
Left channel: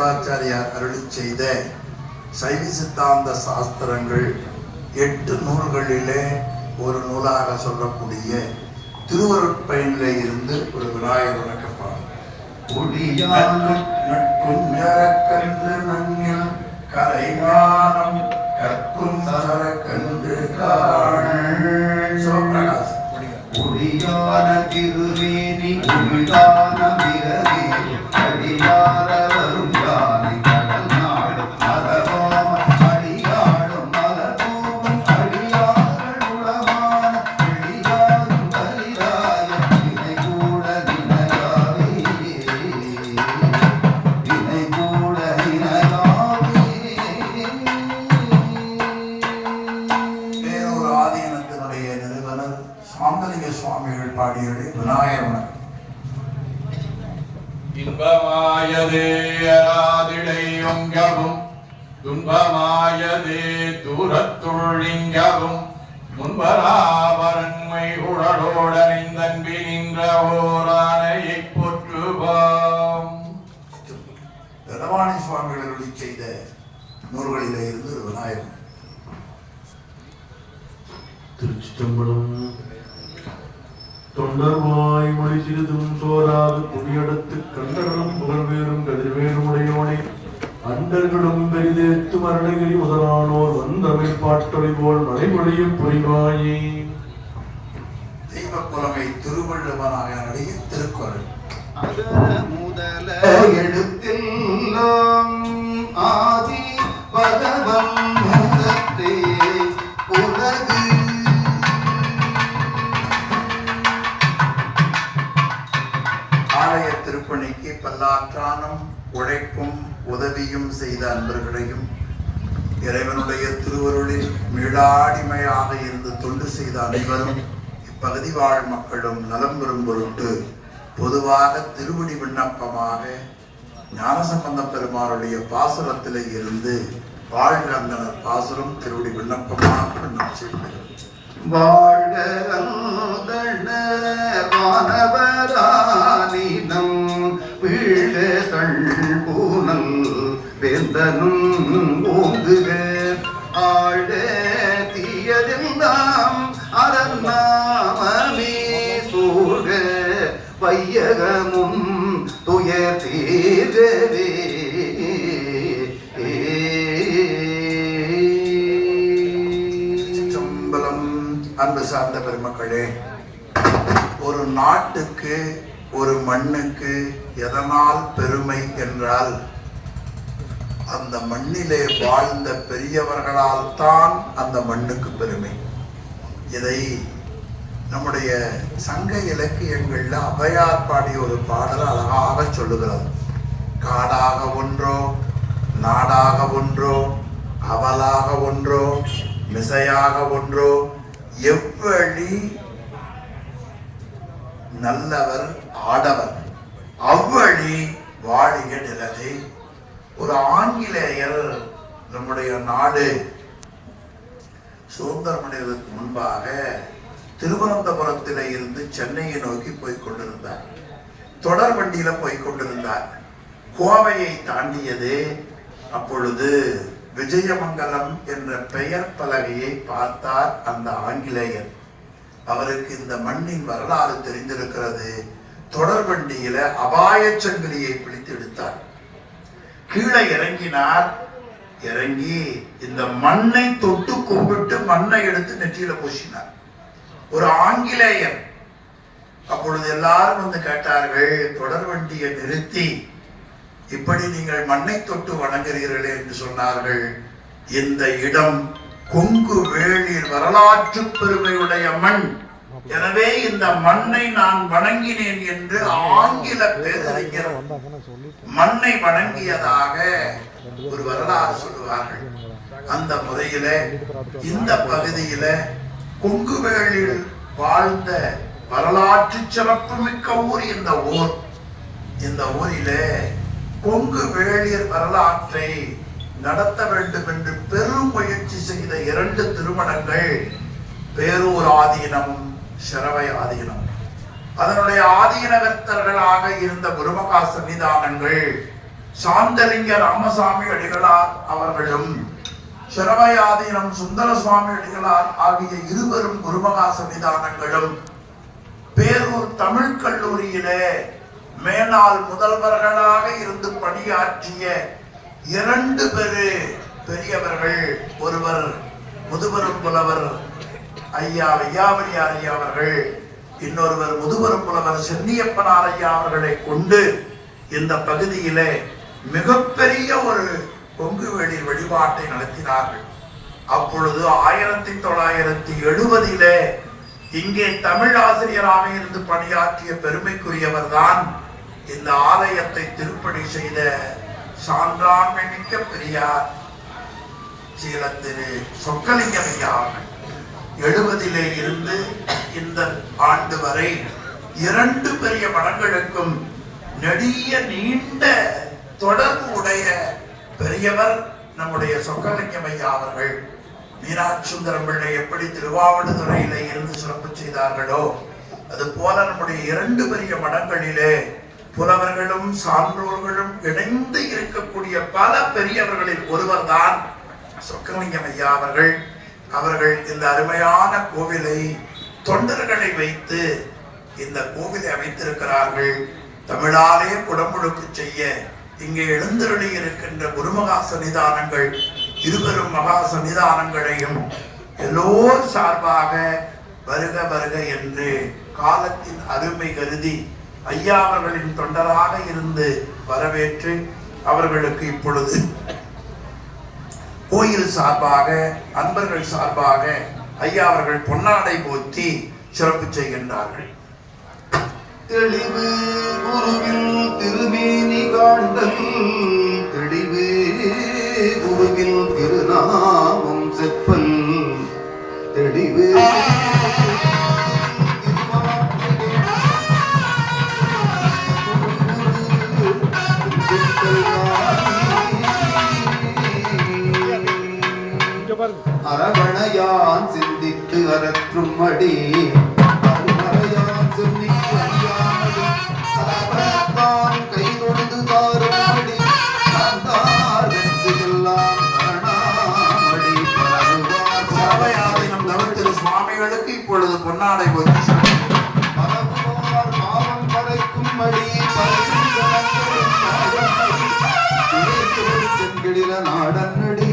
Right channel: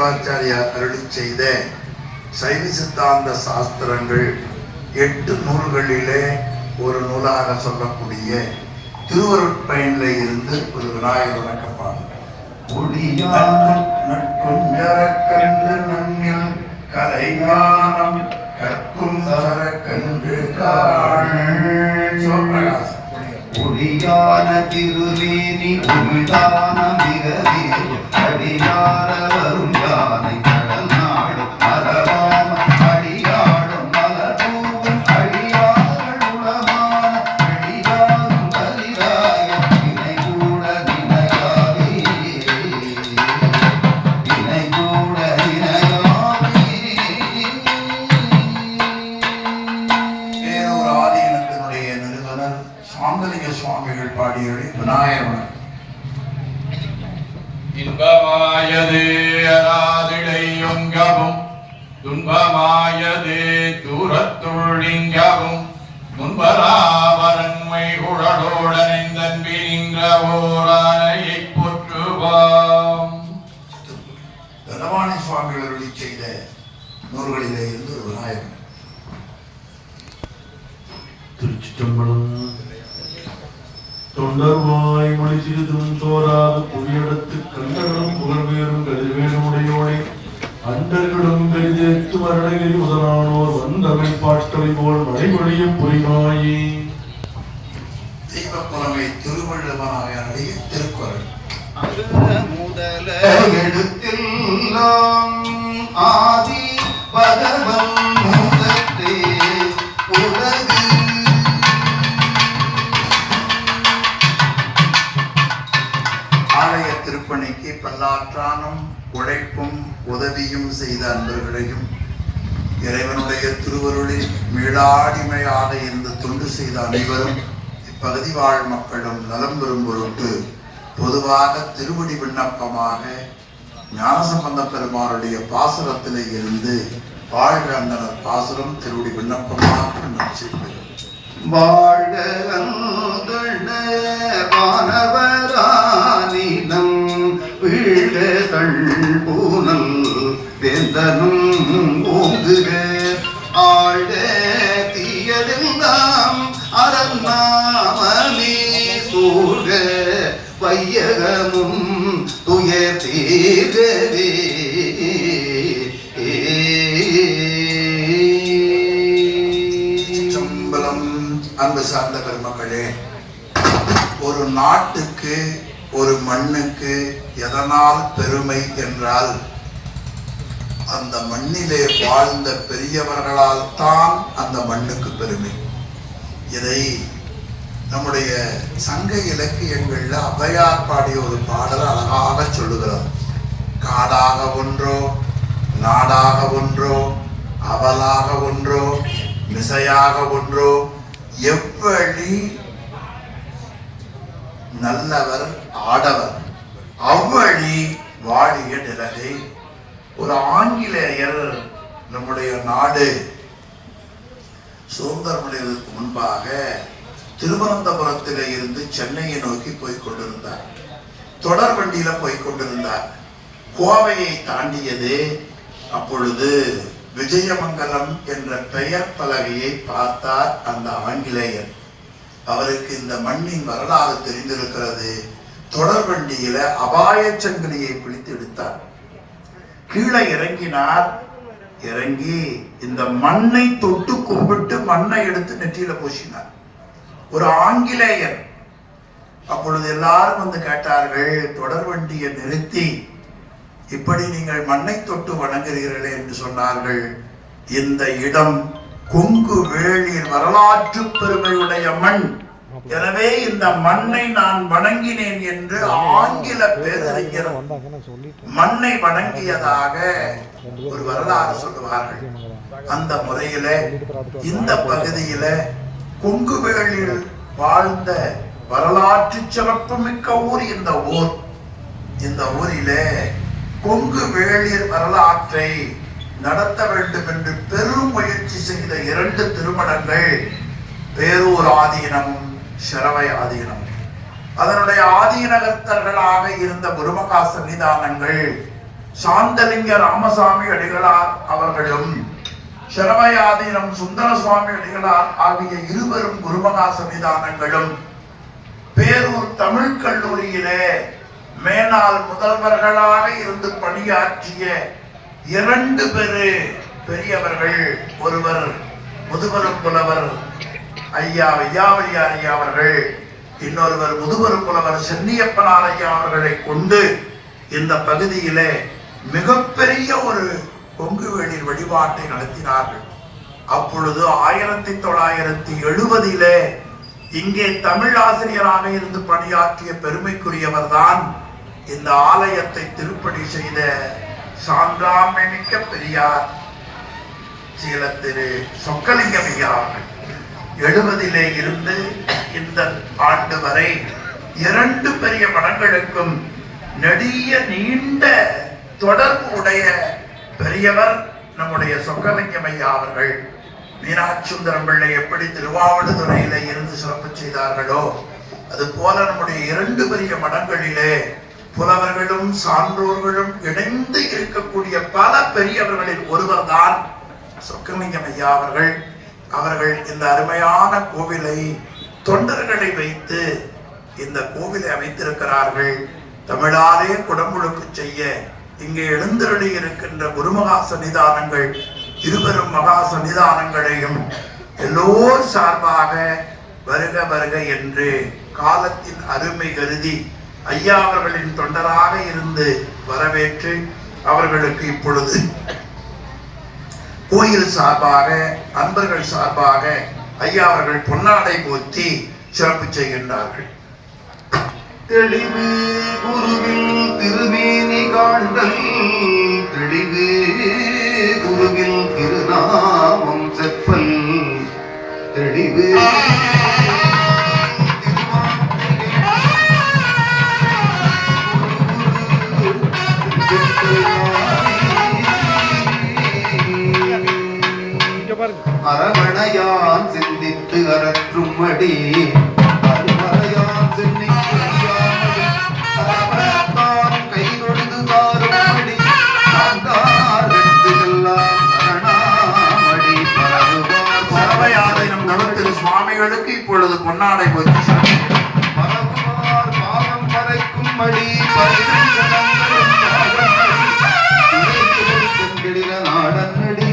சிவாச்சாரியார் அருளி செய்த சைவ சித்தாந்த சாஸ்திரங்கள் 8 நூல்களிலே ஒரு நூலாக சொல்லக்கூடிய திருவருட்பயனிலே இருந்து ஒரு விநாயகர் வணக்கப்பாடு. நற்குஞ்சரக்கன்று நன்னில் கலைஞானம் கற்கும் சரக்கன்று சிவபிரகாசம். ஒளியான திருமேனி உமிழ்தான மிகவே அடியார வரும் யானை கடல் நாடும் மலராம அடியாடும் மலர்பூவன் அடியார்கள் உளமான அடியாரும் பலிராய வினை கூட வினையாவே வினை கூட வினையாவே. வேறொரு ஆதீனத்தினுடைய நிறுவனர் சாந்தலிங்க சுவாமிகள் பாடியபடி விநாயகர் இன்பமாயதே அராதிடை ஒங்கவும் துன்பமாயதே தூரத்துள்ளிங்கவும் முன்பராவரன்மை உடலோடனைந்தன்பி நின்ற ஓரானையை போற்றுவாம். தனவாணி சுவாமிகள் அருளி செய்த நூல்களிலே இருந்து ஒரு விநாயகர். திருச்சிற்றம்பலம். தொண்டர்வாய் மொழி சிறிதும் சோராது புவியடத்து கண்டர்களும் புகழ்வேறும் கதிர்வேணுடையோனே அண்டர்களும் கரிதேத்து மரணகிரி முதலானோர் வந்தமிழ் பாட்டொலி போல் மழைமொழியும் பொறிவாயே. தெய்வ புலமை திருவள்ளுவனாயனுடைய திருக்குறள். முதல எழுத்தெல்லாம் ஆதி பகவம் முதற்றே உலகு. ஆலய திருப்பணிக்கு பல்லாற்றானும் உழைப்பும் உதவியும் செய்த அன்பர்களையும் இறைவனுடைய திருவருளில் மீளாடிமையாக இருந்து தொண்டு செய்த அனைவரும் இப்பகுதி வாழ் மக்களும் நலம் பெறும் பொருட்டு பொதுவாக திருவடி விண்ணப்பமாக ஞானசம்பந்த பெருமானுடைய பாசுரத்திலே இருந்து வாழ்க அந்தனர் பாசுரம் திருவடி விண்ணப்பமாக செய்கிறோம். வாழ்க வானவரானினம் வீழ்க கண்பூனல் வேந்தனும் ஓங்குக ஆழ்க தீயதெல்லாம் அறநாமமே சூழ்க வையகமும் துயர் தீர்கவே. அன்பு சார்ந்த பெருமக்களே, ஒரு நாட்டுக்கு ஒரு மண்ணுக்கு எதனால் பெருமை என்றால் அந்த மண்ணிலே வாழ்ந்த பெரியவர்களால் தான் அந்த மண்ணுக்கு பெருமை. இதை நம்முடைய சங்க இலக்கியங்கள்ல ஔவையார் பாடிய ஒரு பாடல் அழகாக சொல்லுகிறது. காடாக ஒன்றோ நாடாக ஒன்றோ அவலாக ஒன்றோ மிசையாக ஒன்றோ எவ்வழி நல்லவர் ஆடவர் அவ்வழி வாழிய நிலதை. ஒரு ஆங்கிலேயர் நம்முடைய நாடு சுதந்திரம் அடைவதற்கு முன்பாக திருவனந்தபுரத்திலே இருந்து சென்னையை நோக்கி போய்கொண்டிருந்தார். தொடர் வண்டியில போய்கொண்டிருந்தார். கோவையை தாண்டியது. அப்பொழுது விஜயமங்கலம் என்ற பெயர் பலகையை பார்த்தார் அந்த ஆங்கிலேயர். அவருக்கு இந்த மண்ணின் வரலாறு தெரிந்திருக்கிறது. தொடர் வண்டியில அபாய சங்கிலியை பிடித்து எடுத்தார். கீழே இறங்கினார். இறங்கி இந்த மண்ணை தொட்டு கும்பிட்டு மண்ணை எடுத்து நெற்றியில பூசினார். ஒரு ஆங்கிலேயர். அப்பொழுது எல்லாரும் வந்து கேட்டார்கள், தொடர் வண்டியை நிறுத்தி இப்படி நீங்கள் மண்ணை தொட்டு வணங்குகிறீர்களே என்று சொன்னார்கள். இந்த இடம் கொங்கு வேளிர் வரலாற்று பெருமையுடைய மண், எனவே இந்த மண்ணை நான் வணங்கினேன் என்று ஆங்கில பேரறிஞர் மண்ணை வணங்கியதாக ஒரு வரலாறு சொல்லுவார்கள். அந்த முறையில இந்த பகுதியில கொங்கு வேளில் வாழ்ந்த வரலாற்று சிறப்பு மிக்க ஊர் இந்த ஊர். இந்த ஊரிலே கொங்கு வேளிர் வரலாற்றை நடத்த வேண்டும் என்று பெரும் முயற்சி செய்த 2 திருமணங்கள் பேரூர் ஆதீனமும் சிரவை ஆதீனம். அதனுடைய ஆதீனகர்த்தர்களாக இருந்த குருமகா சன்னிதானங்கள் சாந்தலிங்க ராமசாமி அடிகளார் அவர்களும் சிரமயாதீனம் சுந்தர சுவாமி அடிகளார் ஆகிய இருவரும் குருமகா சன்னிதானங்களும் பேரூர் தமிழ் கல்லூரியிலே மேனாள் முதல்வர்களாக இருந்து பணியாற்றிய 2 பெரியவர்கள், ஒருவர் முதுபெரும் புலவர் ஐயா வையாவரியார் ஐயா அவர்கள், இன்னொருவர் முதுபெரும் புலவர் சென்னியப்பனார் ஐயா அவர்களை கொண்டு இந்த பகுதியிலே மிகப்பெரிய ஒரு கொங்கு வேளிர் வழிபாட்டை நடத்தினார்கள். அப்பொழுது 1970 இங்கே தமிழ் ஆசிரியராக இருந்து பணியாற்றிய பெருமைக்குரியவர் தான் இந்த ஆலயத்தை திருப்பணி செய்த சான்றாமிக்க பெரியார் சீல திரு சொக்கலிங்கம் ஐயா. 70 இருந்து இந்த ஆண்டு வரை 2 பெரிய மடங்களுக்கும் நெடிய நீண்ட தொடர்பு உடைய பெரியவர் நம்முடைய சொக்கலிங்கம் ஐயா அவர்கள். மீனாட்சி சுந்தரம் பிள்ளை எப்படி திருவாவடுதுறையில இருந்து சிறப்பு செய்தார்களோ அது போல நம்முடைய 2 பெரிய மடங்களிலே புலவர்களும் சான்றோர்களும் இணைந்து இருக்கக்கூடிய பல பெரியவர்களில் ஒருவர் தான் சொக்கலிங்கம் ஐயா அவர்கள். அவர்கள் இந்த அருமையான கோவிலை தொண்டர்களை வைத்து இந்த கோவிலை அமைத்திருக்கிறார்கள். தமிழாலே குடமுழுக்கு செய்ய இங்கே எழுந்தருளி இருக்கின்ற குருமகா சன்னிதானங்கள், இருவரும் மகா சன்னிதானங்களையும் எல்லோர் சார்பாக வருக வருக என்று காலத்தின் அருமை கருதி ஐயா அவர்களின் தொண்டராக இருந்து வரவேற்று அவர்களுக்கு இப்பொழுது கோயில் சார்பாக அன்பர்கள் சார்பாக ஐயா அவர்கள் பொன்னாடை போற்றி சிறப்பு செய்கின்றார்கள். தெளிவு குருவில் திருமேனி காண்டல், தெளிவு குருவில் திருநாமம் செப்பல், தெளிவு அரவணையான் சிந்தித்து அரற்றும் அடி, அருமறையான் சென்னிக்கு அறியாமடி, அரவணைத்தான் கை நொடுது தாருமடி, சாந்தாரெல்லாம் சரணாமடி பரவுவார் சர்வயாதீனம் திரு சுவாமிகளுக்கு இப்பொழுது பொன்னாடை போற்றி பரவுவார் பாவம் பறைக்கும் மடி, பரிசனங்களும் நாடனடி, தென்கிடில நாடனடி,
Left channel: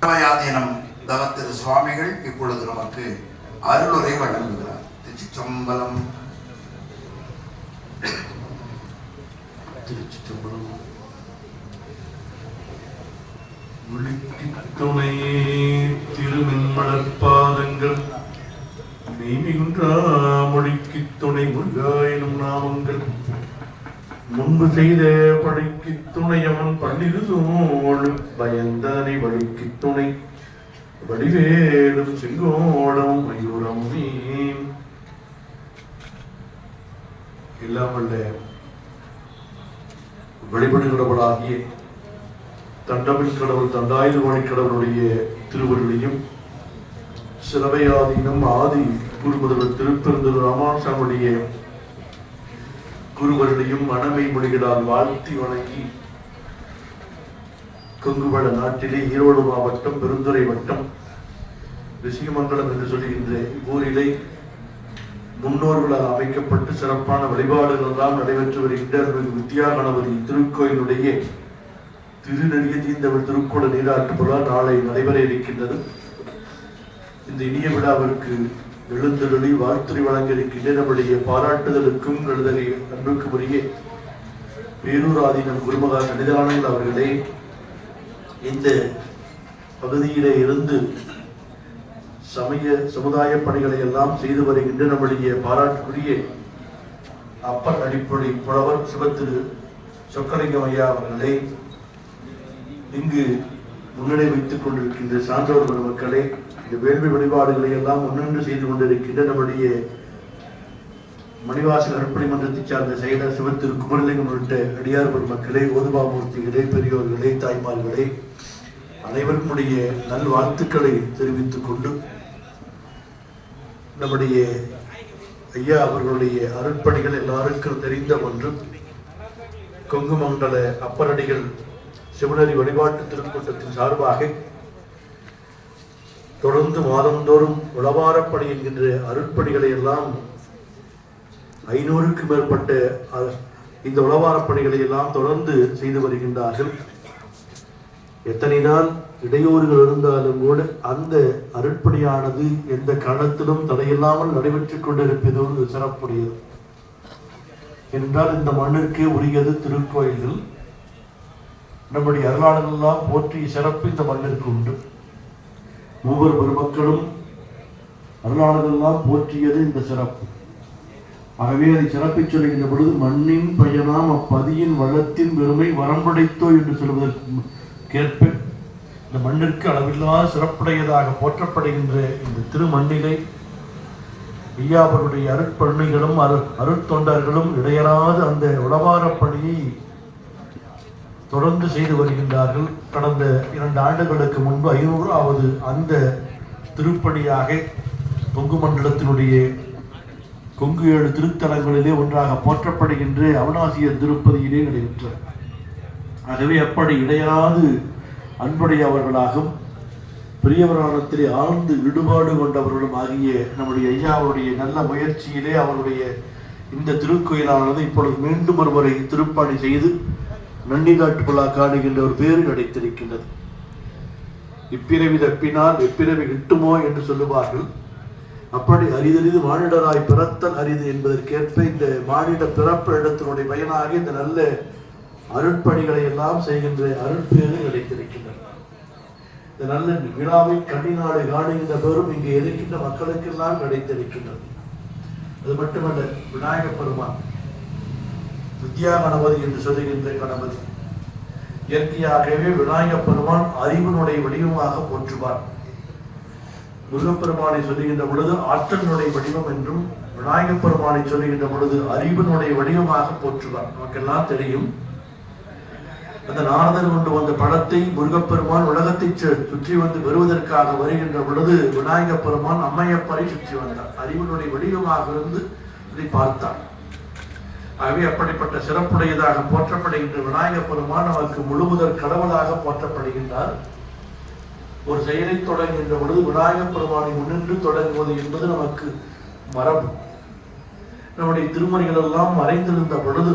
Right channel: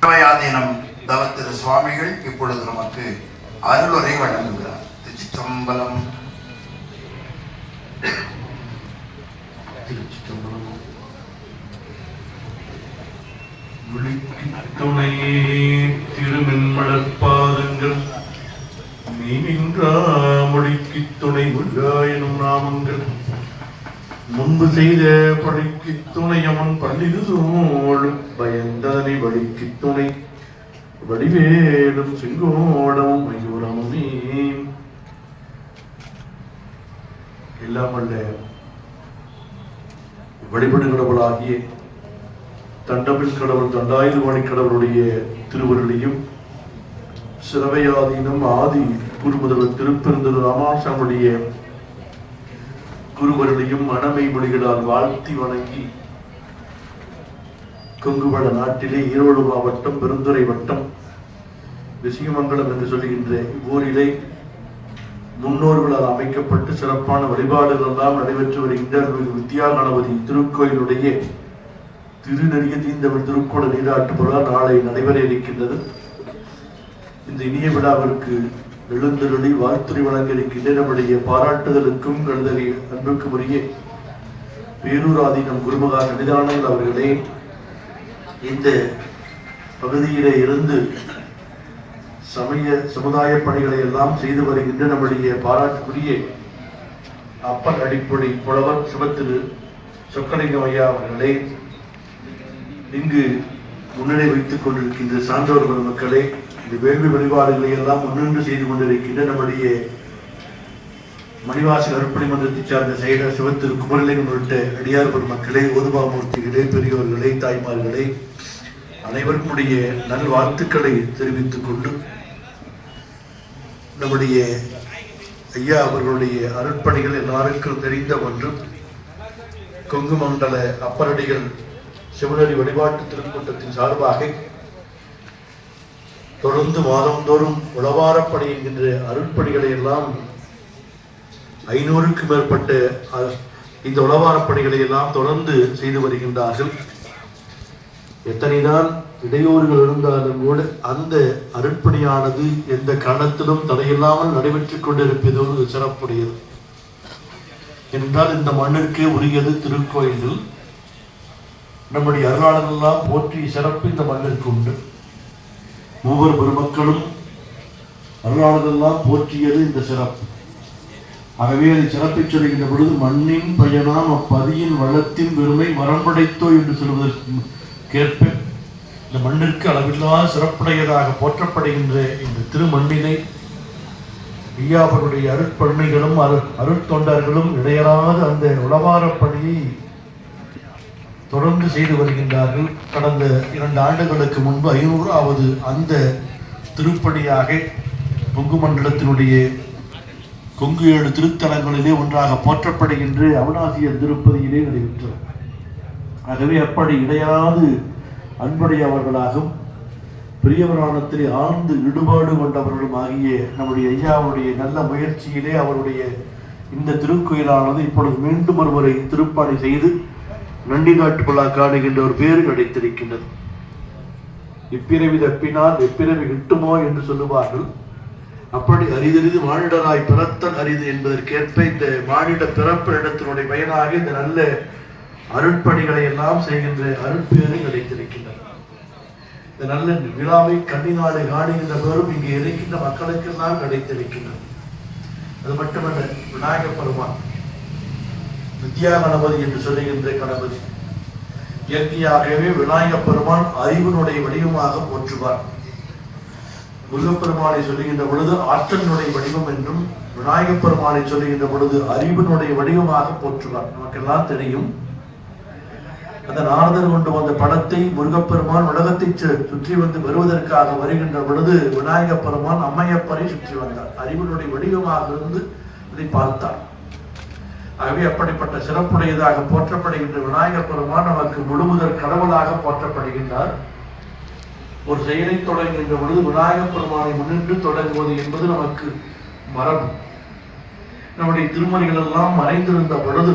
சர்வயாதீனம் திரு சுவாமிகள் இப்பொழுது நமக்கு அருளுரை வழங்குகிறார். திருச்சிற்றம்பலம். துணை திருமென்மலர்பாதங்கள் மீனின்றா மொழிக்கு துணை முருகாயனும் நாமங்கள் முன்பு செய்த பழிக்கு துணையமன் பள்ளிதும் பயந்தனை வழிக்கு துணை வடிவேலும் செங்கோடமும் மயூரமுமே. எல்லாம் வல்ல வழிபடுகிறவளாகிய தண்டமின் கடவுள் தண்டாயுதபாணி கடவுளுடைய திருவருளையும் சிரவையாதீனம் ஆதி குருமுதல்வர் திருப்பெருந்தூர் ராமானுஜனுடைய குருவர்களையும் மனமை மொழிகளால் வாழ்த்தி வணங்கி கொங்குவள நாட்டிலே ஈரோடு மாவட்டம் பெருந்துறை வட்டம் விஷயமங்கலம் என்று சொல்லுகின்ற இவ்வூரிலே முன்னோர்களால் அமைக்கப்பட்டு சிறப்பான வழிபாடுகள் எல்லாம் நடைபெற்று வருகின்ற வித்யா கணபதி திருக்கோயிலுடைய திருநெறிய தீந்தமிழ் திருக்கோள நீராட்டு விழா நாளை நடைபெற இருக்கின்றது. இந்த இனிய விழாவிற்கு எழுந்தருளி வாழ்த்துறை வழங்க இருக்கின்ற நம்முடைய பாராட்டுதலுக்கும் எழுதலை அன்புக்கு உரிய பேரூராதீனம் குருமகா சன்னிதானங்கள் அவர்களே, இந்த பகுதியிலே இருந்து சமுதாய பணிகளை எல்லாம் செய்து வருகின்ற நம்முடைய பாராட்டுக்குரிய அப்பர் அடிப்படை புலவர் சிவத்திரு சொக்கலிங்கம் ஐயா அவர்களே, இங்கு முன்னிலை வைத்துக் கொண்டிருக்கின்ற சான்றோர்கள் மக்களே, இந்த வேள்வி வழிபாடுகளை எல்லாம் முன்னின்று செய்து கொண்டிருக்கின்ற நம்முடைய மணிவாச அருட்பணி மன்றத்தைச் சார்ந்த செயலர் சிவத்திரு குமரலிங்கம் உள்ளிட்ட அடியார் பெருமக்களே, ஓதுபாமூர்த்திகளே, பெரியோர்களே, தாய்மார்களே, அனைவருக்கும் உடைய நல்வாழ்த்துக்களை தெரிவித்துக் கொண்டு நம்முடைய ஐயா அவர்களுடைய அருட்பணிகள் எல்லாருக்கும் தெரிந்த ஒன்று. கொங்கு மண்டல அப்பரடிகள் சிவனரி வழிபாட்டு திருக்கூட்டத்தின் சார்பாக தொடர்ந்து மாதந்தோறும் உளவாரப்பணி என்கின்ற அருட்பணிகளை எல்லாம் 500க்கும் மேற்பட்ட இந்த உளவாரப்பணிகளை எல்லாம் தொடர்ந்து செய்து வருகின்றார்கள். எத்தனைதான் இடையூறுகள் இருந்தாலும் கூட அந்த அருட்பணியானது எந்த காலத்திலும் தடையில்லாமல் நடைபெற்றுக் கொண்டிருப்பது ஒரு சிறப்புடையது. என்றால் இந்த மண்ணிற்கு உரியது திருக்கோயில்கள். நம்முடைய அருளாளர்களெல்லாம் போற்றிய சிறப்பு இந்த மண்ணிற்கு உண்டு. ஒவ்வொரு பெருமக்களும் அருளாளர்களெல்லாம் போற்றியது இந்த சிறப்பு. ஆகவே அதை சிறப்பை சொல்லுகின்ற பொழுது மண்ணின் பயனாம் அப்பதியின் வளத்தின் பெருமை வரம்படைத்தோ என்று சொல்வதற்கேற்ப இந்த மண்ணிற்கு அளவில்லா சிறப்புடையதாக போற்றப்படுகின்ற இந்த திருமண்ணினை ஐயாவருடைய அருட்பணிகளும் அருட்தொண்டர்களும் இடையறாத அந்த உளவாரப் பணியை தொடர்ந்து செய்து வருகின்றார்கள். கடந்த 2 ஆண்டுகளுக்கு முன்பு 500வது அந்த திருப்பணியாக கொங்கு மண்டலத்தினுடைய கொங்கு 7 திருத்தலங்களிலே ஒன்றாக போற்றப்படுகின்ற அருணாசியர் திருப்பதியிலே நடைபெற்றது. ஆகவே அப்படி இடையாது அன்புடையவர்களாகும் பெரியவரானத்திலே ஆழ்ந்து ஈடுபாடு கொண்டவர்களும் ஆகிய நம்முடைய ஐயாவுடைய நல்ல முயற்சியிலே அவருடைய இந்த திருக்கோயிலானது இப்பொழுது மீண்டும் ஒருவரை திருப்பணி செய்து நண்டி காட்டுக்குள்ளா காணுகின்ற ஒரு பேரு கிடைத்திருக்கின்றது. இப்பிறவி தப்பினால் எப்பிறவி கிட்டுமோ என்று சொல்லுவார்கள். அப்படி அரிதறிது மானிடராய் பிறத்தல் அரிது என்பதற்கேற்ப இந்த மானிட பிறப்பு இடத்தினுடைய பயனாக இந்த நல்ல அருட்பணிகளை எல்லாம் செய்கின்ற அருட்பேரு கிடைத்திருக்கின்றன. இந்த நல்ல விழாவை கண்ணினாலே காணுகின்ற பேரும் இங்கே இருக்கின்ற மக்களுக்கெல்லாம் கிடைத்திருக்கின்றது. அது மட்டுமல்ல, விநாயக பெருமான் வித்யா கணபதி என்று சொல்லுகின்ற கணபதி இயற்கையாகவே விநாயக பெருமான் அறிவினுடைய வடிவமாக போற்றுவார். முருகப்பெருமானை சொல்லுகின்ற பொழுது ஆற்றலினுடைய வடிவம் என்றும், விநாயக பெருமானை சொல்லுகின்ற பொழுது அறிவினுடைய வடிவமாக போற்றுவார். நமக்கெல்லாம் தெரியும், அந்த நாரதர் கொண்டு வந்த படத்தை முருகப்பெருமான் உலகத்தை சுற்றி வந்து வருவதற்காக வருகின்ற பொழுது விநாயக பெருமான் அம்மையப்பரை சுற்றி வந்தார். அறிவினுடைய வடிவமாக இருந்து அதை பார்த்தார். ஆகவே அப்படிப்பட்ட சிறப்புடையதாக போற்றப்படுகின்ற விநாயக பெருமான் நமக்கு முழுமுதற் கடவுளாக போற்றப்படுகின்றார். ஒரு செயலை தொடங்குகின்ற பொழுது விநாயக பெருமானை முன்னின்று தொடங்குவது என்பது நமக்கு மரபு. நம்முடைய திருமுறைகள் எல்லாம் மறைந்திருந்த பொழுது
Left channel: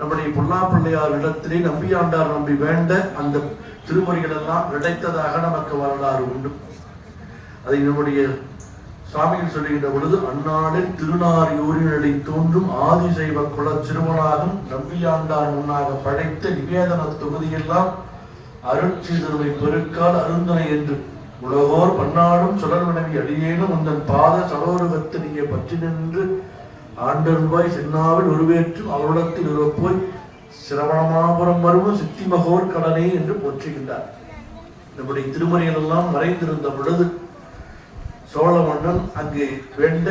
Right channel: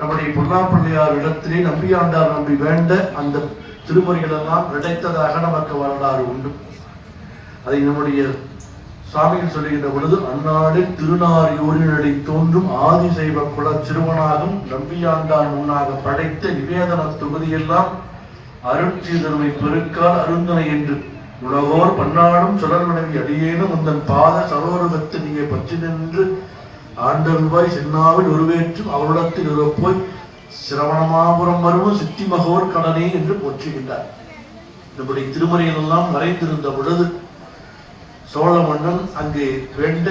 நம்முடைய பொன்னாப்பிள்ளையார் இடத்திலே நம்பியாண்டார் நம்பி வேண்ட அந்த திருமுறைகள் எல்லாம் கிடைத்ததாக நமக்கு வரலாறு உண்டு. அதை நம்முடைய சாமியில் சொல்லுகின்ற பொழுது அந்நாளில் திருநாரியூரினடி தோன்றும் ஆதிசைவ குல சிறுவனாகும் நம்பியாண்டார் முன்னாக படைத்த நிவேதன தொகுதியெல்லாம் அருட்சீதருமை பெருக்கால் அருந்தனை என்று உலகோர் பன்னாடும் சுடர்வினவி அடியேனும் உந்தன் பாத சரோரகத்திலேயே பற்றி நின்று ஆண்டருவாய் சென்னாவில் உருவேற்றும் அவரிடத்தில் இருப்போய் சிரவணமாபுரம் வரும் சித்தி மகோர் கடனே என்று போற்றுகின்றார். நம்முடைய திருமறைகள் எல்லாம் மறைந்திருந்த பொழுது சோழ மன்னன் அங்கே வேண்ட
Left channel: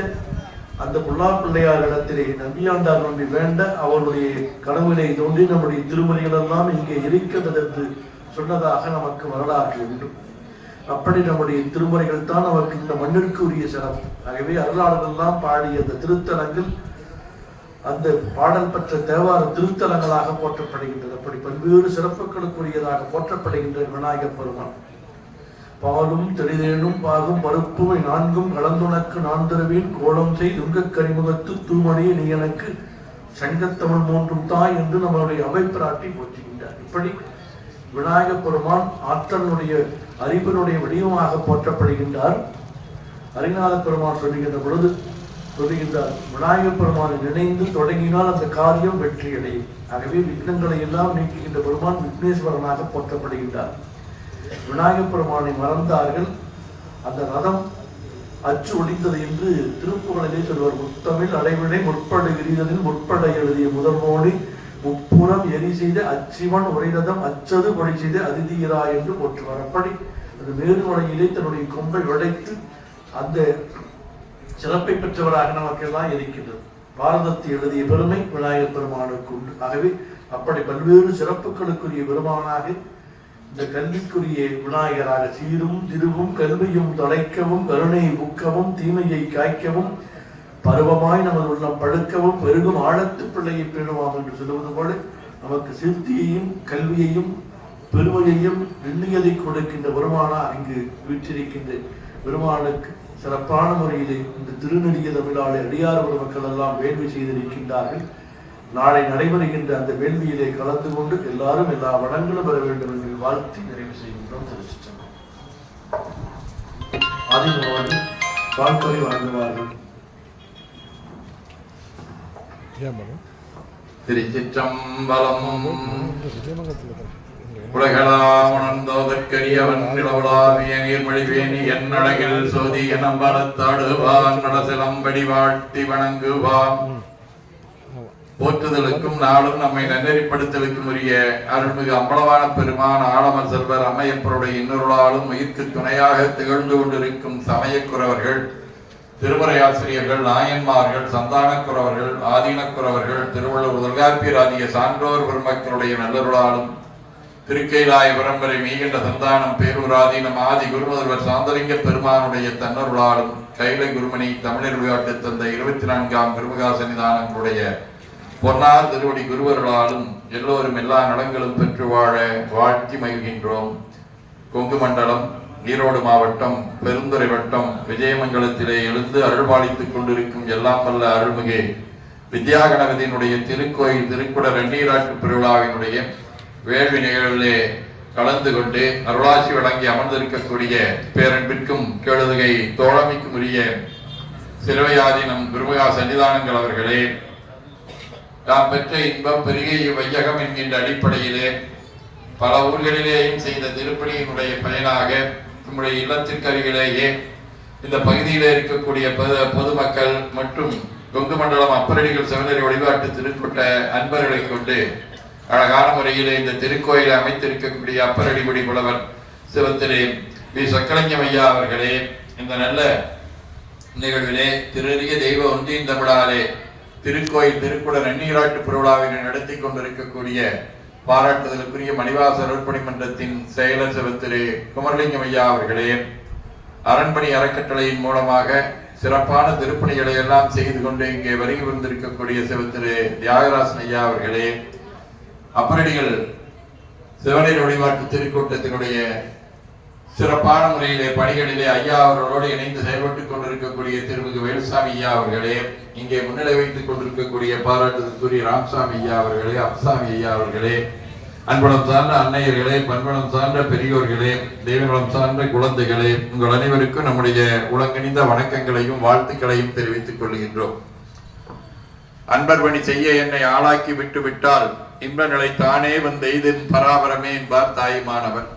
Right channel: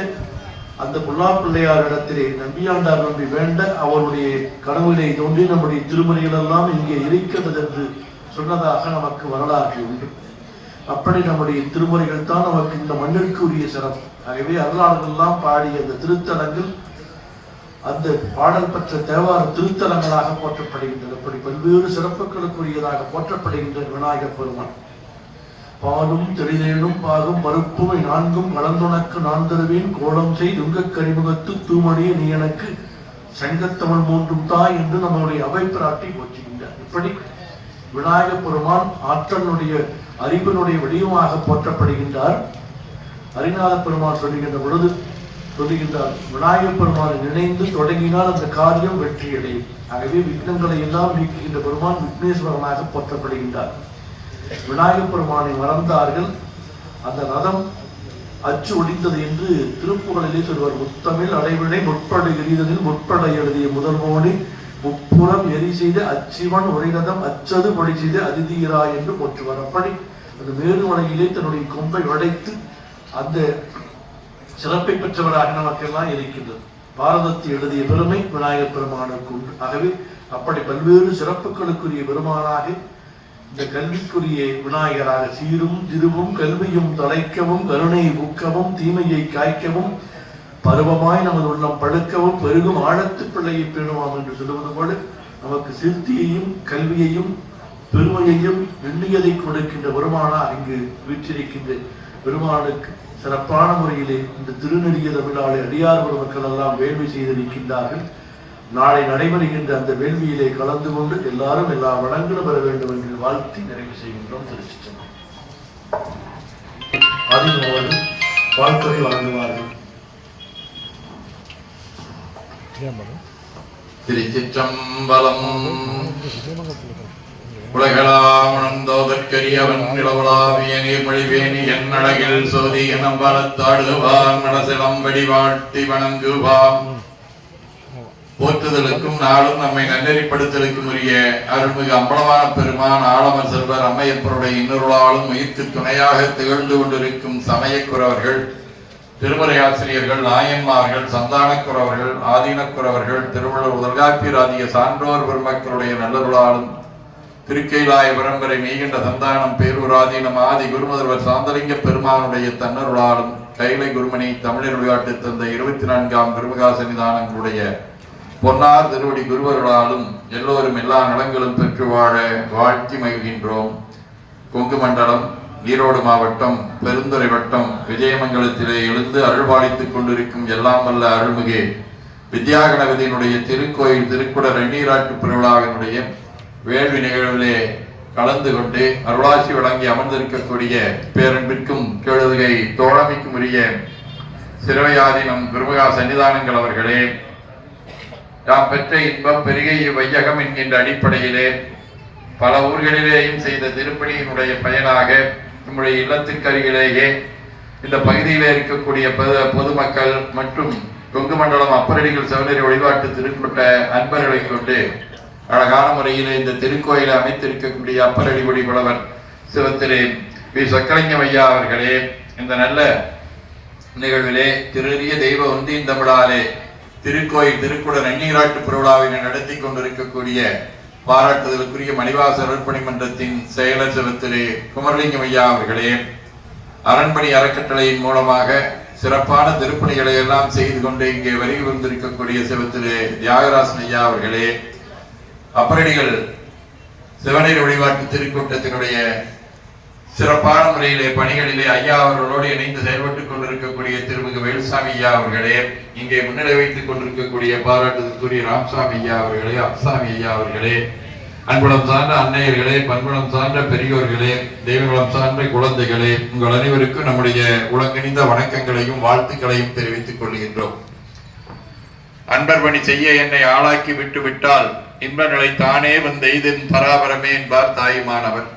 அந்த புல்லாப்பிள்ளையார் இடத்திலே நம்பியாண்டார் நம்பி வேண்ட அவருடைய கனவிலே தோன்றி நம்முடைய திருமறைகள் எல்லாம் இங்கே இருக்கிறது என்று சொன்னதாக நமக்கு வரலாறு உண்டு. அப்படி நம்முடைய திருமுறைகள் தான் நமக்கு இந்த மண்ணிற்கு உரிய சிறப்பு. ஆகவே அருளாளர்கள் எல்லாம் பாடிய அந்த திருத்தலங்கள் அந்த பாடல் பெற்ற தேவார திருத்தலங்களாக போற்றப்படுகின்றன. அப்படி பல்வேறு சிறப்புகளுக்குரியதாக போற்றப்படுகின்ற விநாயக பெருமான் பாலும் தெளிதேனும் பாகும் பருப்பும் 4ம் கலந்துனக்கு நான் தருவேன் கோலம் செய் துங்கக் கரிமுகத்து தூமணியை நீ எனக்கு சங்கத்தமிழ் 3ம் தாய் என்று நம்மளுடைய அவைப்பிராட்டி போற்றுகின்றார். இப்படி விநாயக பெருமான் ஆற்றலுடைய அறிவினுடைய வடிவமாக போற்றப்படுகின்றார். அரிநாத பெருமான் சொல்லுகின்ற பொழுது சொல்லுகின்றார், விநாயக பெருமானை நினைந்து தொடங்கினால் அந்த காரியம் வெற்றியடையும். ஆகவே விக்னங்களை எல்லாம் நீக்குகின்ற பெருமான் விக்னேஸ்வரனாக போற்றப்படுகின்றார். விநாயக பெருமானை மறந்தார்கள். அந்த ரதம் அச்சு ஒழிந்தது என்று திருப்புகழிலே சொல்வார். முத்தமிழ் அடைவிடை முற்பட எரிதலில் முற்பட எழுதிய முதல்வோடி முப்புறம் எரி செய்த அச்சிவன் உரைரதம் அச்சது படி செய்த அதிதீரா என்று போற்றுவார். அப்படி அந்த மேருமலையிலே தன்னுடைய கொம்பை உடைத்து அந்த சிறப்பை பெற்றவராக நமக்கெல்லாம் இருக்கின்றது. பாரதத்தை எழுதிய பெருமை விநாயகப் பெருமானுக்கு உண்டு. ஆகவே அப்படி பல்வேறு சிறப்புகளுக்குரிய பெருமானாக இந்த கல்விக்குரிய விநாயகராக சீரும் திருவும் கல்வியும் தொலைக்கவும் கருணை ஊக்கவும் தீமையை காய்க்கவும் பருவமாய் நமது உள்ளம் படுக்கவும் பெருகும் ஆழத்து பிள்ளையை பேணுவாம் என்று சொல்லுவது போல நமக்கு சிறுத்தியையும் கல்வியையும் பெருமையையும் எண்ணியதை கொடுக்கின்ற பெருமானா இங்கு வீற்றிருக்கின்ற பெருமானுக்கு சிறப்பான முறையிலே இந்த திருநெறிய தமிழாளை அடியார் பெருமக்கள் எல்லாம் வேள்வி செய்திருக்கின்றார்கள். நாளை நடைபெறுகின்ற அந்த வேள்வியிலே கலந்து கொண்டு எல்லாரும் எல்லா வளங்களும் பெற வேண்டும் என்று வாழ்த்தி நிறைவு செய்கின்றோம். திருச்சிற்றம்பலம். ஆதிமோகன் வாழ்த்துறை வழங்குவார்கள். திருச்சிற்றம்பலம். உலகளாமணந்தோதற்கரியவன் நிலவுலாவிய நீர்மொழிவேணி என் அழகில் சோதி எனம் வளத்தாடுவான் நடசிலம்படி வாழ்த்தி வணங்குவான். போற்றுதலுக்கும் நாளும் நம்மை நன்னெறிப்படுத்தலுக்கும் உரிய அருள்மிகு அம்பலமான பெருமான் ஆலமர் செல்வர் அம்மையப்பருடைய இன்னொருளாலும் உயிர்க்கு துணையாக திகழ்ந்து கொண்டிருக்கும் சமயக்குறவர்கள், திருமறையாசிரியர்கள், நாயன்மார்கள், சந்தானக்குறவர்கள், ஆதீனக்குறவர்கள், திருவள்ளுவர் தொல்காப்பியர் ஆகிய சான்றோர் பெருமக்களுடைய நல்லருளாலும் திருக்கைலாய பரம்பரை மெய்கண்ட சந்தானம் பேரூராதீனம் ஆதி குருமுதல்வர் சாந்தலிங்க பெருமானுடைய தன்னருளாலும் கைலை குருமணி தமிழர் விளையாட்டு தந்த 24ஆம் பெருமகா சன்னிதானங்களுடைய பொன்னார் திருவடி குருவர்களாலும் எல்லோரும் எல்லா நலங்களும் பெற்று வாழ வாழ்த்தி மகிழ்கின்றோம். கொங்கு மண்டலம், ஈரோடு மாவட்டம், பெருந்துறை வட்டம், விஜயமங்கலத்திலே எழுந்து அருள்பாலித்துக் கொண்டிருக்கும் எல்லாம் வல்ல அருள்மிகு வித்யாகணபதியினுடைய திருக்கோயில் திருக்குட வெந்நீராட்டு பெருவிழாவினுடைய வேள்வி நிகழ்விலே கலந்து கொண்டு அருளாட்சி வழங்கி அமர்ந்திருக்கக்கூடிய பேரன்பிற்கும் கேளுகை தோழமைக்கும் உரிய சிறுவையாதீனம் பெருமகா சன்னிதானங்கள் அவர்களே, நாம் பெற்ற இன்பம் பெருகை வையகம் என்கின்ற அடிப்படையிலே பல ஊர்களிலேயும் செய்த திருப்பணியினுடைய பயனாக நம்முடைய இல்லத்துக்கு அருகிலேயே இந்த பகுதியிலே இருக்கக்கூடிய பொதுமக்கள் மற்றும் கொங்கு மண்டலம் அப்பரடிகள் செவனரி வழிபாட்டு திருப்பட்ட அன்பர்களை கொண்டு அழகான முறையிலே இந்த திருக்கோயிலை அமைத்திருக்கக்கூடிய அப்பரடி குடி புலவர் சிவத்திலே வி சொக்கலிங்கம் ஐயா அவர்களே, இந்த நல்ல நிகழ்விலே திருநெறிய தெய்வ ஒன்றியின் தமிழாலே திருக்கோயில் திருக்குட நன்னீராட்டு பெருவிழாவினை நடத்தி கொண்டிருக்கக்கூடிய பாராட்டுதலுக்குரிய மணிவாசர் அர்ப்பணி மன்றத்தின் செயலர் சிவத்திரு குமரலிங்கம் ஐயா அவர்களே, அரண்மனை அறக்கட்டளையின் மூலமாக சிறப்பான திருப்பணிகளை எல்லாம் செய்து கொண்டு இங்கே வருகை வந்திருக்கக்கூடிய சிவத்திரு தியாகராசன் ஐயா அவர்களே, அப்பரடிகள் சிவனேரி வழிபாட்டு திருக்கூட்டத்தினுடைய சிறப்பான முறையிலே பணிகளிலே ஐயா அவர்களோடு இணைந்து செயல்பட்டுக் கொண்டிருக்கக்கூடிய திருமிகு வேலுசாமி ஐயா அவர்களே, இங்கே முன்னிலை வைத்துக் கொண்டிருக்கக்கூடிய பாராட்டுதற்குரிய ராம்சாமி ஐயா அவர்களே, அப்சாமி ஐயா அவர்களே, அன்புலம் சார்ந்த அன்னையர்களே, பண்புலம் சார்ந்த பெரியோர்களே, தெய்வகுலம் சார்ந்த குழந்தைகளே, உங்கள் அனைவருக்கும் நம்முடைய உலகணிந்த வணக்கங்களையும் வாழ்த்துக்களையும் தெரிவித்துக் கொள்கின்றோம். அன்பர் பணி செய்ய என்னை ஆளாக்கி விட்டு விட்டால் இன்ப நிலை தானே வந்தெய்தின் பராபரமே என்பார் தாயுமானவர்.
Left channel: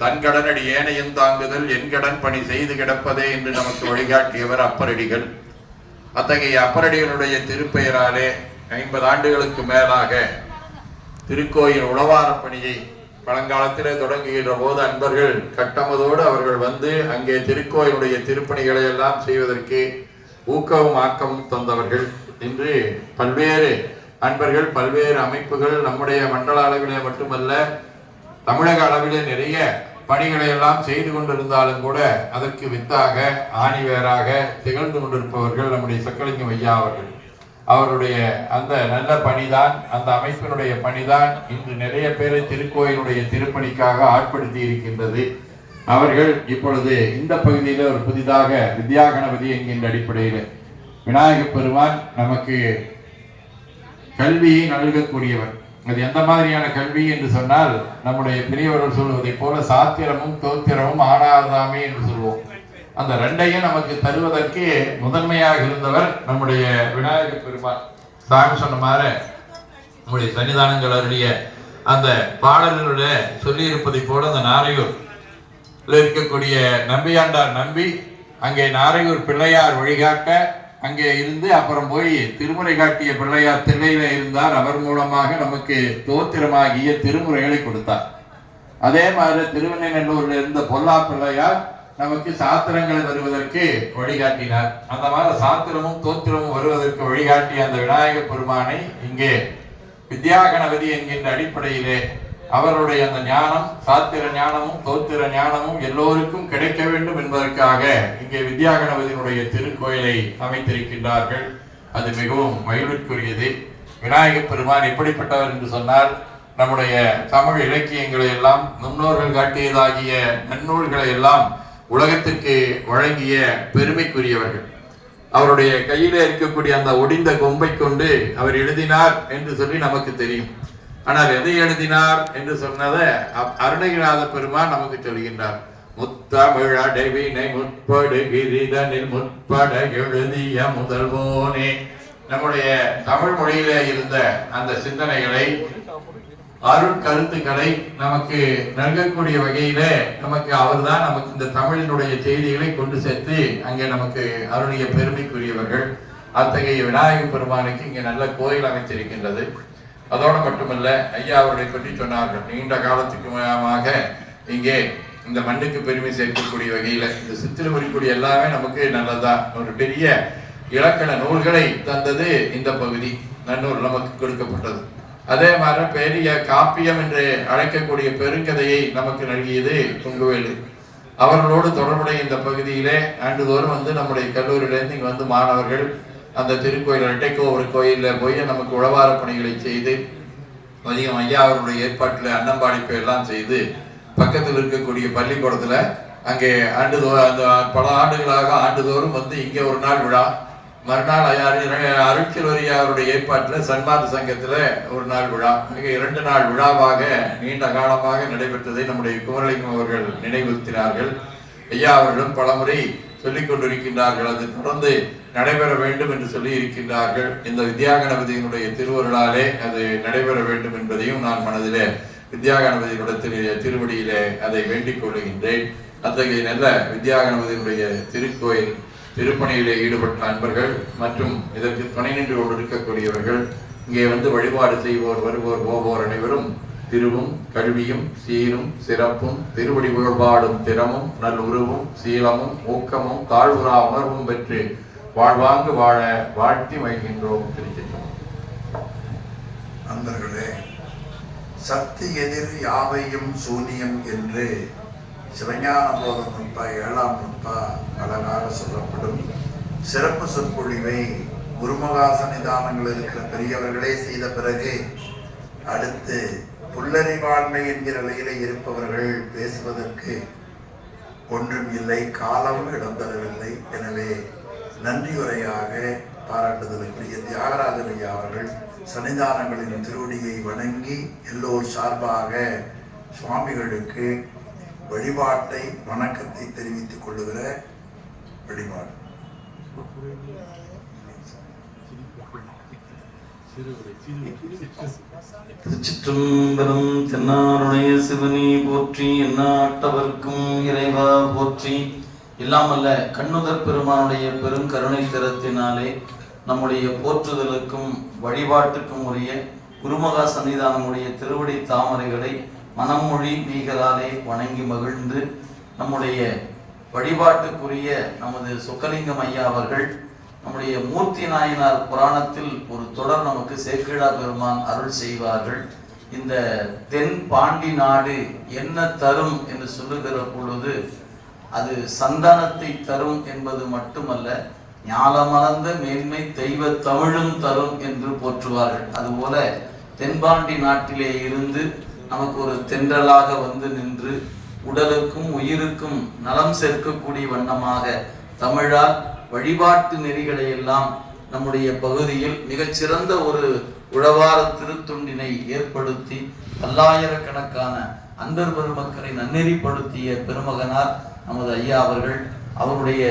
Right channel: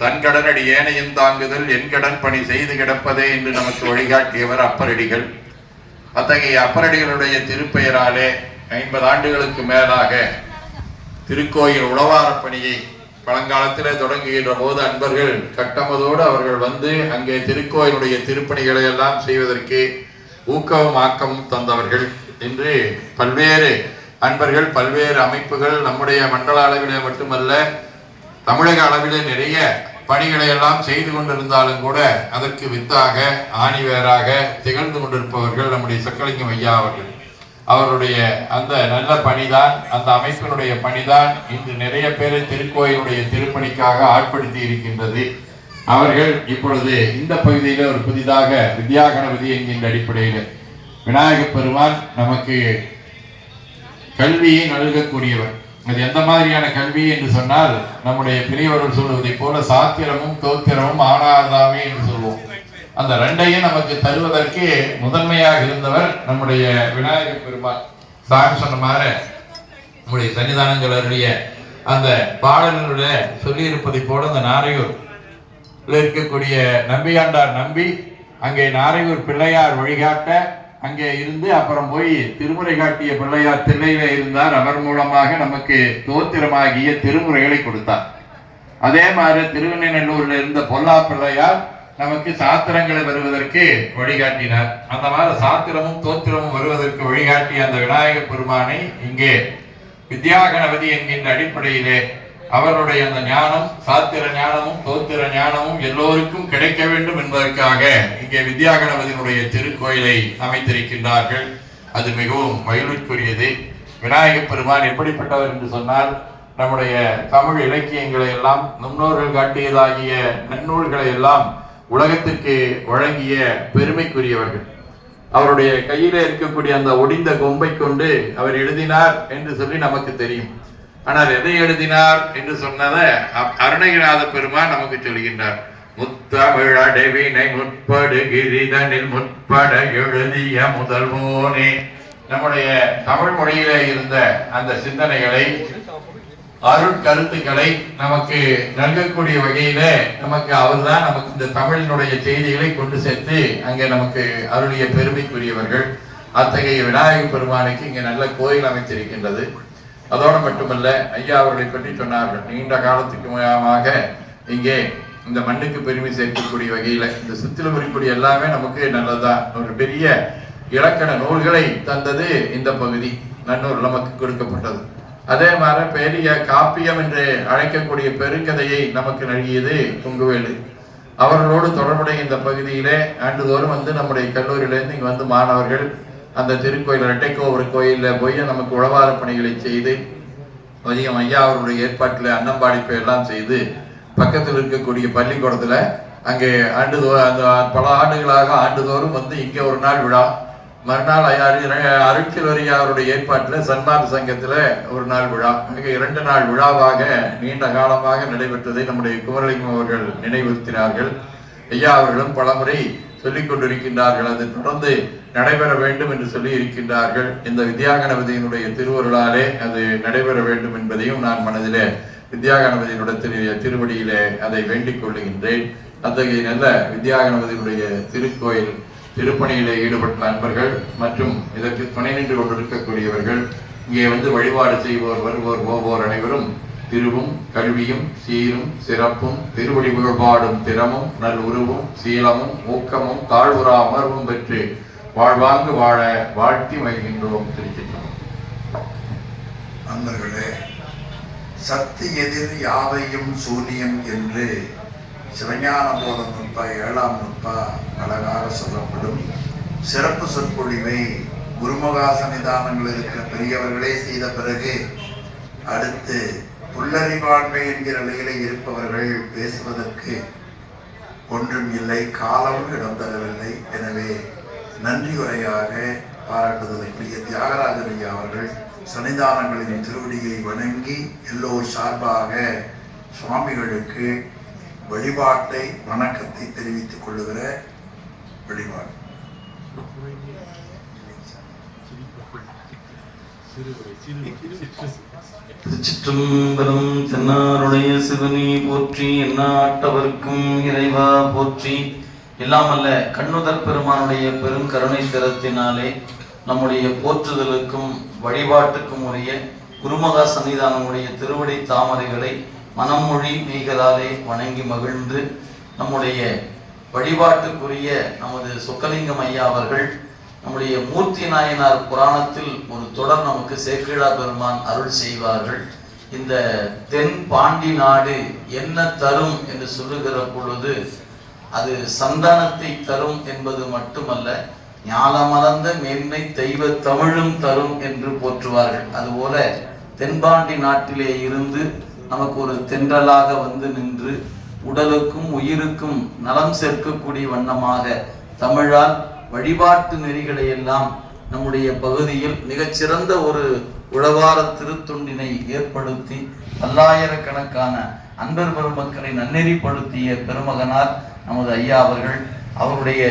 தன் கடனடி ஏனையும் தாங்குதல் என் கடன் பணி செய்து கிடப்பதே என்று நமக்கு வழிகாட்டியவர் அப்பரடிகள். அத்தகைய அப்பரடிகளுடைய திருப்பெயராலே 50 ஆண்டுகளுக்கு மேலாக திருக்கோயில் உழவார பணியை பழங்காலத்திலே தொடங்குகின்ற போது அன்பர்கள் கட்டமதோடு அவர்கள் வந்து அங்கே திருக்கோயிலுடைய திருப்பணிகளை எல்லாம் செய்வதற்கு ஊக்கமும் ஆக்கமும் தந்தவர்கள். இன்று பல்வேறு அன்பர்கள், பல்வேறு அமைப்புகள் நம்முடைய மண்டல அளவிலே மட்டுமல்ல தமிழக அளவிலே நிறைய பணிகளை எல்லாம் செய்து கொண்டிருந்தாலும் கூட அதற்கு வித்தாக ஆணிவேராக திகழ்ந்து கொண்டிருப்பவர்கள் நம்முடைய சொக்கலிங்கம் ஐயா அவர்கள். அவருடைய அந்த நல்ல பணிதான், அந்த அமைப்பினுடைய பணிதான் இன்று நிறைய பேரை திருக்கோயிலுடைய திருப்பணிக்காக ஆட்படுத்தி இருக்கின்றது. அவர்கள் இப்பொழுது இந்த பகுதியில ஒரு புதிதாக வித்யாகணபதி என்கின்ற அடிப்படையில் விநாயகப் பெருமான் நமக்கு கல்வியை நல்கக்கூடியவர். அது எந்த மாதிரியான கல்வி என்று சொன்னால், நம்முடைய பெரியவர்கள் சொல்லுவதை போல சாத்திரமும் தோத்திரமும் ஆனாதாமே என்று சொல்லுவோம். அந்த ரெண்டையும் நமக்கு தருவதற்கு முதன்மையாக இருந்தவர் நம்முடைய விநாயகப் பெருமான். சாமி சொன்ன மாதிரி நம்முடைய சன்னிதானங்கள் அருடைய அந்த பாடல்களுடைய சொல்லி இருப்பதை போல அந்த நாரையூர் இருக்கக்கூடிய நம்பியாண்டார் நம்பி அங்கே நாரையூர் பிள்ளையார் வழிகாட்ட அங்கே இருந்து அப்புறம் போய் திருமுறை காட்டிய பிள்ளையார் தில்லையில இருந்தார். அவர் மூலமாக நமக்கு தோத்திரமாகிய திருமுறைகளை கொடுத்தார். அதே மாதிரி திருவெண்ணநல்லூர்ல இருந்த பொல்லா பிள்ளையார் நமக்கு சாத்திரங்களை வருவதற்கு வழிகாட்டினார். அந்த மாதிரி சாத்திரமும் தோத்திரமும் வருவதற்கு வழிகாட்டிய அந்த விநாயக பெருமானை இங்கே வித்யாகணபதி என்கின்ற அடிப்படையிலே அவருடைய அந்த ஞானம், சாத்திர ஞானமும் தோத்திர ஞானமும் எல்லோருக்கும் கிடைக்க வேண்டும் என்பதற்காக இங்கே வித்யாகணபதியினுடைய திருக்கோயிலை அமைத்திருக்கின்றார்கள். அது மிகவும் மகிழ்வுக்குரியது. விநாயக பெருமான் எப்படிப்பட்டவர் என்று சொன்னால், நம்முடைய தமிழ் இலக்கியங்களை எல்லாம் முன்னோர்கள் காட்டியதாகிய நன்னூல்களை எல்லாம் உலகத்திற்கு வழங்கிய பெருமைக்குரியவர்கள். அவருடைய கையிலே இருக்கக்கூடிய அந்த ஒடிந்த கொம்பை கொண்டு அவர் எழுதினார் என்று சொல்லி நமக்கு தெரியும். ஆனால் எதை எழுதினார் என்று சொன்னதை அருணகிரிநாத பெருமான் நமக்கு சொல்கின்றார். முத்தமிழ் அடைவினை முற்படுகிரிதனில் முற்பட எழுதிய முதல்வோனே. நம்முடைய தமிழ் மொழியிலே இருந்த அந்த சிந்தனைகளை, அருட்கருத்துக்களை நமக்கு நல்கக்கூடிய வகையிலே நமக்கு அவர்தான் நமக்கு இந்த தமிழினுடைய செய்திகளை கொண்டு சேர்த்து அங்கே நமக்கு அருளிய பெருமைக்குரியவர்கள். அத்தகைய விநாயக பெருமானுக்கு இங்கே நல்ல கோயில் அமைத்திருக்கின்றது. அதோடு மட்டுமல்ல, ஐயா அவர்களை பற்றி சொன்னார்கள். நீண்ட காலத்துக்கு முயமாக இங்கே இந்த மண்ணுக்கு பெருமை சேர்க்கக்கூடிய வகையில இந்த சித்திரம் இருக்கக்கூடிய எல்லாமே நமக்கு நல்லதுதான். ஒரு பெரிய இலக்கண நூல்களை தந்தது இந்த பகுதி, நன்னூல் நமக்கு கொடுக்கப்பட்டது. அதே மாதிரி பெரிய காப்பியம் என்று அழைக்கக்கூடிய பெருங்கதையை நமக்கு நல்கியது கொங்குவேலு. அவர்களோடு தொடர்புடைய இந்த பகுதியிலே ஆண்டுதோறும் வந்து நம்முடைய கல்லூரியிலேருந்து இங்கே வந்து மாணவர்கள் அந்த திருக்கோயில் இரட்டைக்கோபுர கோயிலில் போய் நமக்கு உழவார பணிகளை செய்து, அதிகம் ஐயா அவருடைய ஏற்பாட்டில் அன்னம்பாடிப்பை எல்லாம் செய்து, பக்கத்தில் இருக்கக்கூடிய பள்ளிக்கூடத்தில் அங்கே அந்த பல ஆண்டுகளாக ஆண்டுதோறும் வந்து இங்கே ஒரு நாள் விழா, மறுநாள் அருட்சில்வரி அவருடைய ஏற்பாட்டில் சன்மார்க்க சங்கத்தில் ஒரு நாள் விழா, மிக 2 நாள் விழாவாக நீண்ட காலமாக நடைபெற்றதை நம்முடைய குமரலிங்கம் அவர்கள் நினைவுறுத்தினார்கள். ஐயா அவர்களும் பலமுறை சொல்லிக் கொண்டிருக்கின்றார்கள். அது தொடர்ந்து நடைபெற வேண்டும் என்று சொல்லி இருக்கின்றார்கள். இந்த வித்யாகணபதியினுடைய திருவருளாலே அது நடைபெற வேண்டும் என்பதையும் நான் மனதிலே வித்யாகணபதியினுடைய திருவடியிலே அதை வேண்டிக் கொள்ளுகின்றேன். அத்தகைய நல்ல வித்யாகணபதியினுடைய திருக்கோயில் திருப்பணியிலே ஈடுபட்ட அன்பர்கள் மற்றும் இதற்கு துணை நின்று கொண்டிருக்கக்கூடியவர்கள், இங்கே வந்து வழிபாடு செய்வோர், வருவோர், போவோர் அனைவரும் திருவும் கல்வியும் சீரும் சிறப்பும் திருவடி புகழ்பாடும் திறமும் நல் உருவும் சீலமும் ஊக்கமும் தாழ்வுறா உணர்வும் பெற்று வாழ்வாங்கு வாழ வாழ்த்தி மகிழ்கின்றோம். திருச்சிற்றம்பலம். அன்பர்களே, சக்தி எதிர் யாவையும் சூனியம் என்று சிவஞான போத நுட்பா 7ஆம் நுட்பா அழகாக சொல்லப்படும் சிறப்பு சொற்பொழிவை குருமகா சன்னிதானங்கள் இருக்கிற பெரியவர்களே செய்த பிறகு அடுத்து புல்லறிவாண்மை என்கிற நிலையிலே இருப்பவர்கள் பேசுவதற்கு ஒன்றும் இல்லை, காலமும் இடம் தரவில்லை. எனவே நன்றியுரையாக பாராட்டுதலுக்குரிய தியாகராஜன் ஐயா அவர்கள் சன்னிதானங்களின் திருவடியை வணங்கி எல்லோர் சார்பாக சுவாமிகளுக்கு வழிபாட்டை வணக்கத்தை தெரிவித்துக் கொள்ளுகிற வழிபாடு. திருச்சிற்றம்பலம். தென்னாருடைய சிவனி போற்றி, எந்நாட்டவர்க்கும் இறைவா போற்றி. இல்லாமல்ல கண்ணுதற் பெருமானுடைய பெரும் கருணை திறத்தினாலே நம்முடைய போற்றுதலுக்கும் வழிபாட்டுக்கும் உரிய குருமகா சன்னிதானமுடைய திருவடி தாமரைகளை மனமொழி மெய்களாலே வணங்கி மகிழ்ந்து நம்முடைய வழிபாட்டுக்குரிய நமது சொக்கலிங்கம் ஐயா அவர்கள் நம்முடைய மூர்த்தி நாயனார் புராணத்தில் ஒரு தொடர் நமக்கு சேக்கிழா பெருமான் அருள் செய்வார்கள். இந்த தென் பாண்டி நாடு என்ன தரும் என்று சொல்லுகிற பொழுது அது சந்தானத்தை தரும் என்பது மட்டுமல்ல, ஞாலமலர்ந்த மேன்மை தெய்வ தமிழும் தரும் என்று போற்றுவார்கள். அதுபோல தென்பாண்டி நாட்டிலே இருந்து நமக்கு ஒரு தென்றலாக வந்து நின்று உடலுக்கும் உயிருக்கும் நலம் சேர்க்கக்கூடிய வண்ணமாக தமிழால் வழிபாட்டு நெறிகளை எல்லாம் நம்முடைய பகுதியில் மிகச்சிறந்த ஒரு உழவார திருத்தொண்டினை ஏற்படுத்தி பல்லாயிரக்கணக்கான அன்பர் பெருமக்களை நன்னெறிப்படுத்திய பெருமகனார் நமது ஐயா அவர்கள். அவருடைய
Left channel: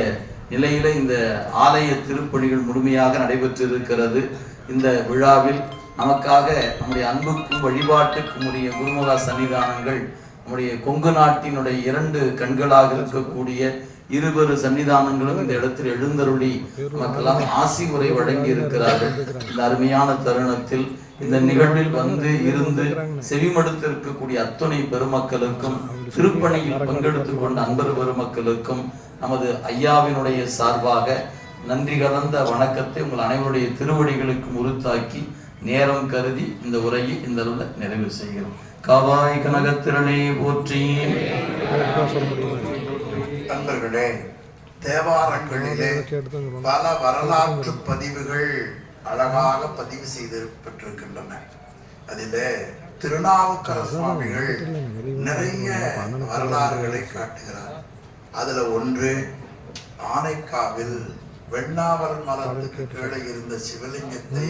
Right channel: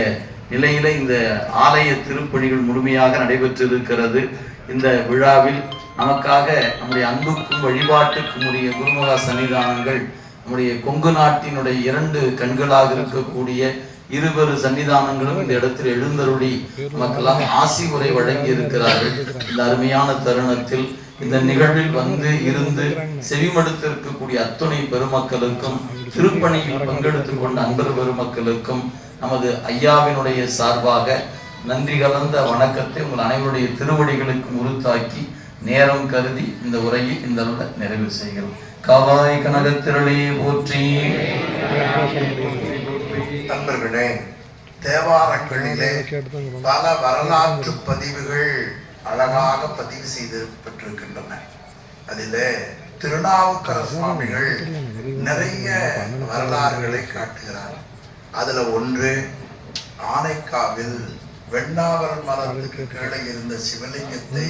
நிலையில இந்த ஆலய திருப்பணிகள் முழுமையாக நடைபெற்றிருக்கிறது. இந்த விழாவில் நமக்காக நம்முடைய அன்புக்கும் வழிபாட்டுக்கும் உரிய குருமகா சன்னிதானங்கள், நம்முடைய கொங்கு நாட்டினுடைய 2 கண்களாக இருக்கக்கூடிய இருவரு சன்னிதானங்களும் இந்த இடத்தில் எழுந்தருளி நமக்கெல்லாம் ஆசி உரை வழங்கி இருக்கிறார்கள். இந்த அருமையான தருணத்தில் இந்த நிகழ்வில் வந்து இருந்து செவிமடுத்து இருக்கக்கூடிய அத்துணை பெருமக்களுக்கும் திருப்பணியில் பங்கெடுத்துக் கொண்ட அன்பர் பெருமக்களுக்கும் நமது ஐயாவினுடைய சார்பாக நன்றி கலந்த வணக்கத்தை உங்கள் அனைவருடைய திருவடிகளுக்கு உறுத்தாக்கி நேரம் கருதி இந்த உரையை இந்த நிறைவு செய்கிறோம். காவாய் கனகத்திரளே போற்றி. நண்பர்களே, தேவாரங்களிலே பல வரலாற்று பதிவுகள் அழகாக பதிவு செய்யப்பட்டிருக்கின்றன. அதிலே திருநாவுக்கரசு சுவாமிகள் நிறைய வரலாறுகளை காட்டுகிறார். அதுல ஒன்று, ஆனைக்காவில் வெண்ணாவல் மரத்துக்கு கீழே இருந்த சிவலிங்கத்தை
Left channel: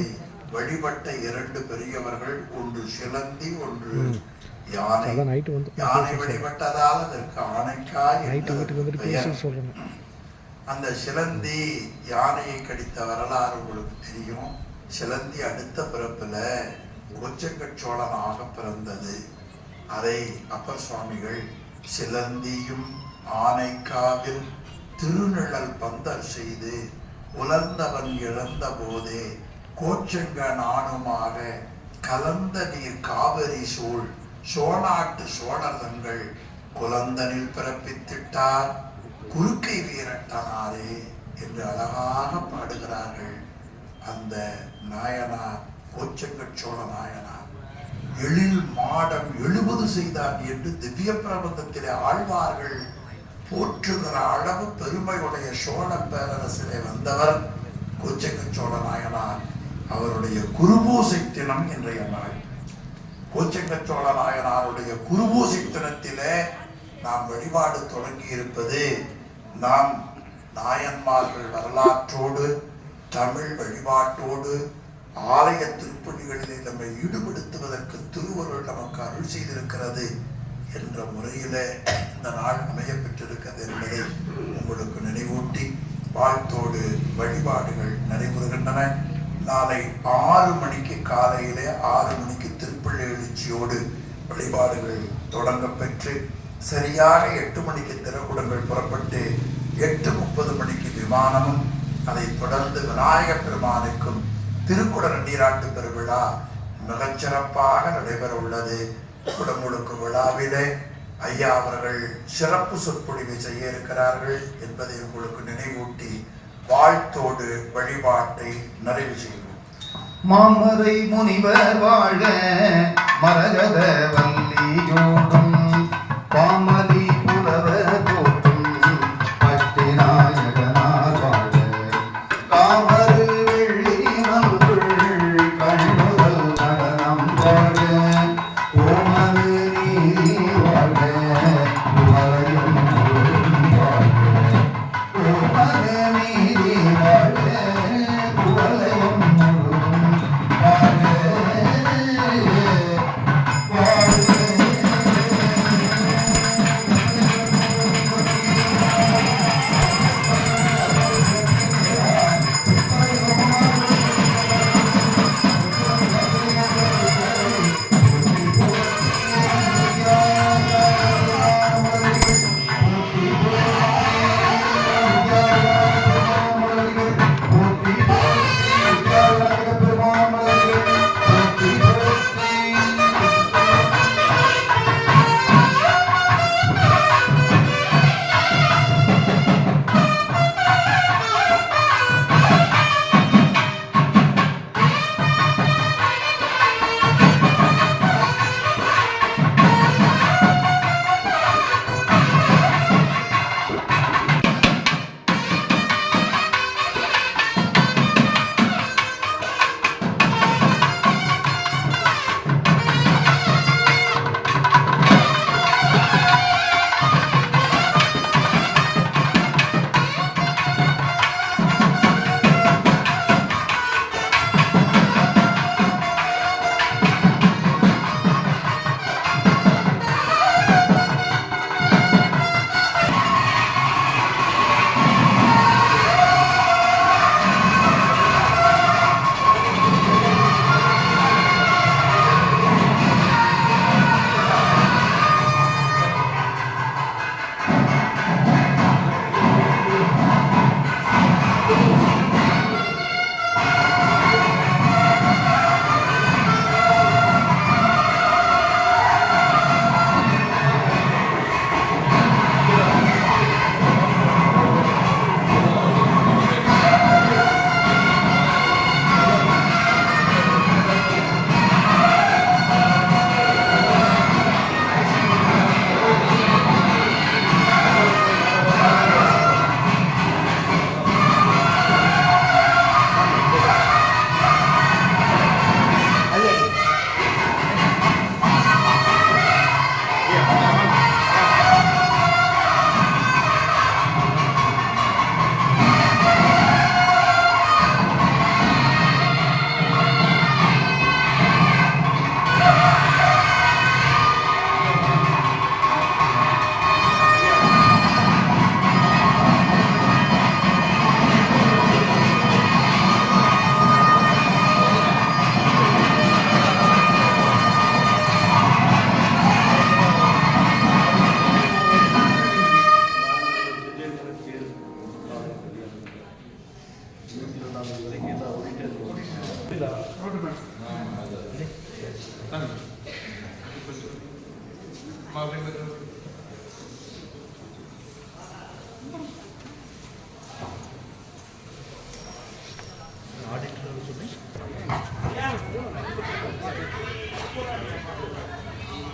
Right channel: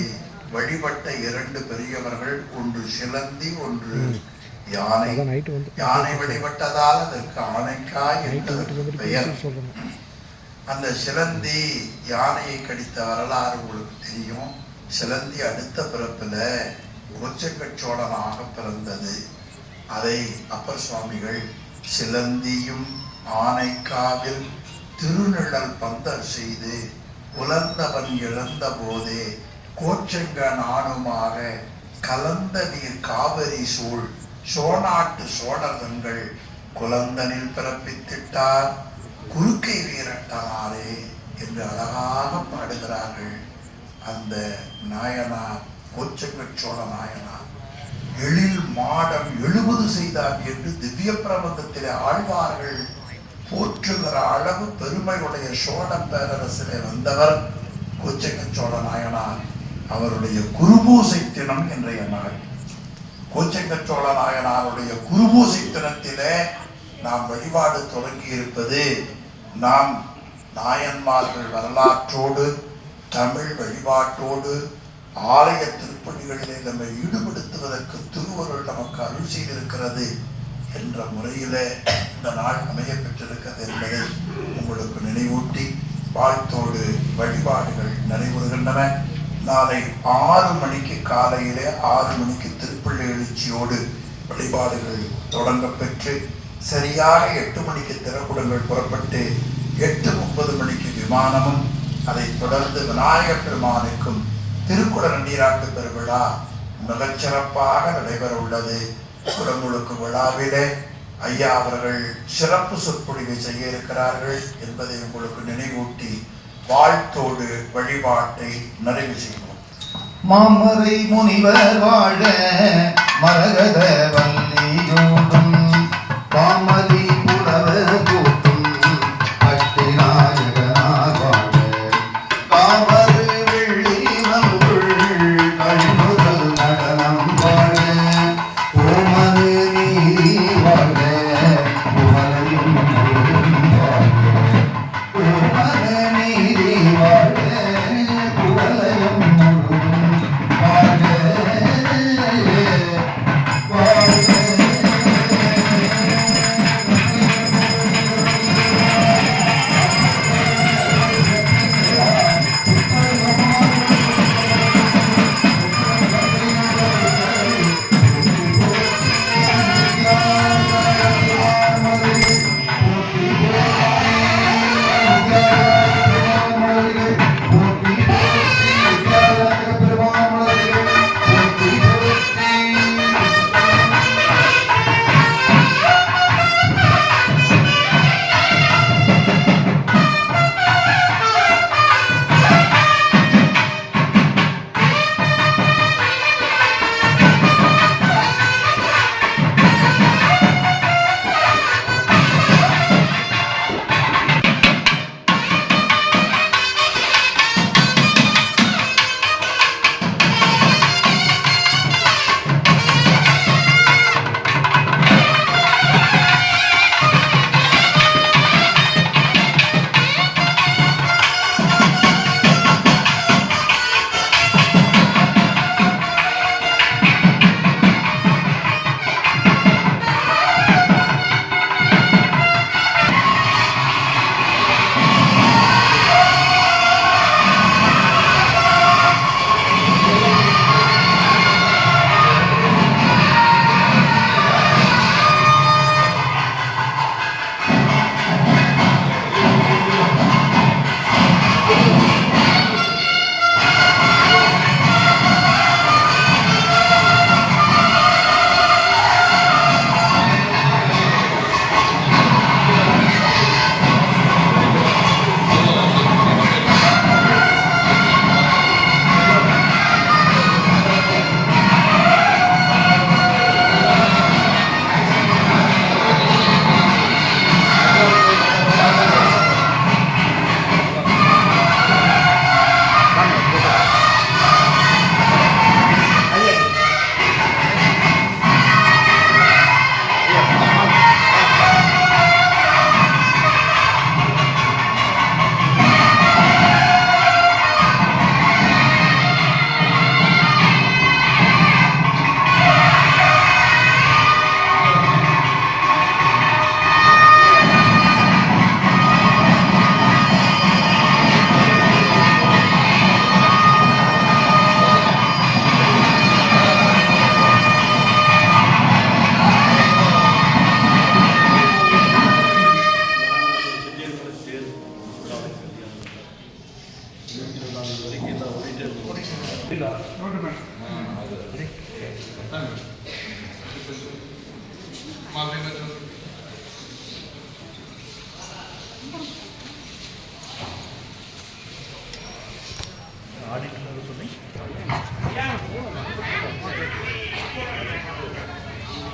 வழிபட்ட 2 பெரியவர்கள், ஒன்று சிலந்தி, ஒன்று யானை. யானை வழிபட்டதால் அதற்கு ஆனைக்காய் என்று பெயர். அந்த சிலந்தி யானையை கடித்த வரலாறு உங்களுக்கு தெரியும். சிலந்தி அடுத்த பிறப்புல கோச்சங்கச்சோழனாக பிறந்தது. அதை அப்பர் சுவாமிகள் சிலந்தியும் ஆனைக்காவில் திருநிழல் பந்தர் செய்து உலர்ந்தவன் இழந்த போதே கோச்சங்க நானுமாக கலந்த நீர் காவிரி சூழ் சோநாட்டு சோழர்கள் குலந்தனில் பிறப்பித்திட்டார் குறுக்கை வீரட்டனாரே என்று அழகாக பாடுகிறார்கள். அந்த நாயனார் கோச்சங்க சோழ நாயனார் எழில் மாடம் 70 செய்தார் என்று திவ்ய பிரபந்தத்திலே ஆழ்வார்கள் போற்றுகிற அளவு பெருமையுடைய சோழ பேரரசிலே வந்தவர் கோச்சங்க சோழ நாயனார். அவருடைய குருபூசை தினம் இன்றைய நாள். கோச்சங்க சோழ நாயனாருடைய குருபூசை தினத்திலே நாம் வழிபாடு தொடங்கி இருப்பது, நாம் நாயன்மார்கள் வரலாற்றோடு தமிழ் வழிபாட்டோடு ஆலய திருப்பணிகளிலே நம்மை ஈடுபடுத்துவதற்கு திருவருள் நமக்கு அருள் செய்திருக்கிறது என்ற முறையிலே இந்த நாள் அமைய பெற்றிருக்கிறது என்பதை உங்களுக்கு நினைவூட்டி வாழ்த்தோடு வழிபாடுகள் நடைபெறுகின்றன. நாளை 6 மணிக்கு காலையிலே 6 மணிக்கு திருப்பள்ளி எழுச்சியோடு வழிபாடுகள் தொடங்க பெற்று சரியாக 8 மணிக்கு திறக்குடங்கள் புறப்பட்டு 8:30 மணிக்கு விமானமும், அதைத் தொடர்ந்து விநாயகப் பெருமானுக்கும் திருக்குட நீராட்டு பெருவிழா மிகச்சிறப்பாக நடைபெற உள்ளது. குடமுழுக்கு விழாவிலே ஐயா அவர்கள் சிறப்பு சொற்பொழிவை செய்ய இருக்கிறார்கள் என்பதை உங்களுக்கு நினைவூட்டி வாழ்த்தோடு வழிபாட்டை நிறைவு செய்வோம். மாமரை முனிவர் வாழ மரகத வல்லியோடும் பாமலி புலவர் கூட்டும் அட்டிநாயகனார் வாழ காமரு வெள்ளி நல்குள் கண்முதல் நடனம் வாழ ஓமது நீதி வாழ புகழையும் வாழ ஓமது நீதி வாழ புகழையும் வாழ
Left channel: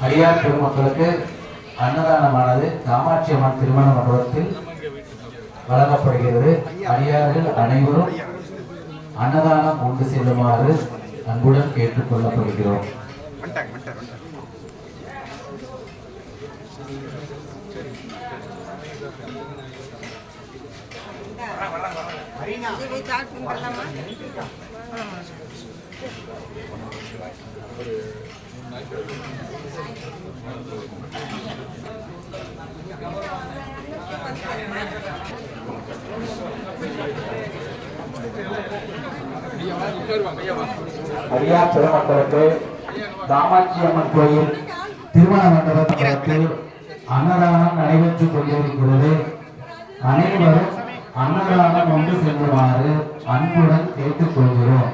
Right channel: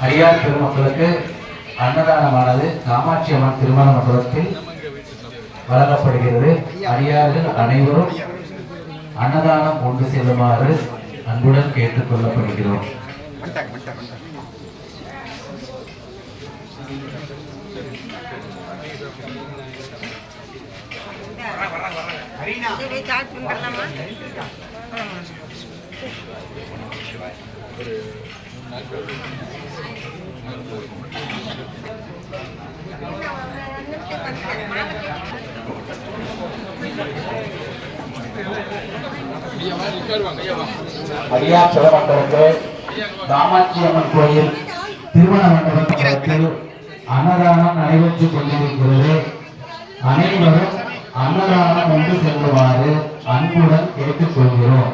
அடியார் பெருமக்களுக்கு அன்னதானமானது காமாட்சி அம்மன் திருமண மண்டபத்தில் வழங்கப்படுகிறது. அடியார்கள் அனைவரும் அன்னதானம் கொண்டு செல்லுமாறு அன்புடன் கேட்டுக் கொள்ளப்படுகிறோம். அடியார் பெருமக்களுக்கு காமாட்சி அம்மன் கோயில் திருமண மண்டபத்தில் அன்னதானம் நடைபெற்றுக் கொண்டிருக்கிறது. அனைவரும் அன்னதானம் கொண்டு செல்லுமாறு அன்புடன் கேட்டுக் கொள்கிறோம்.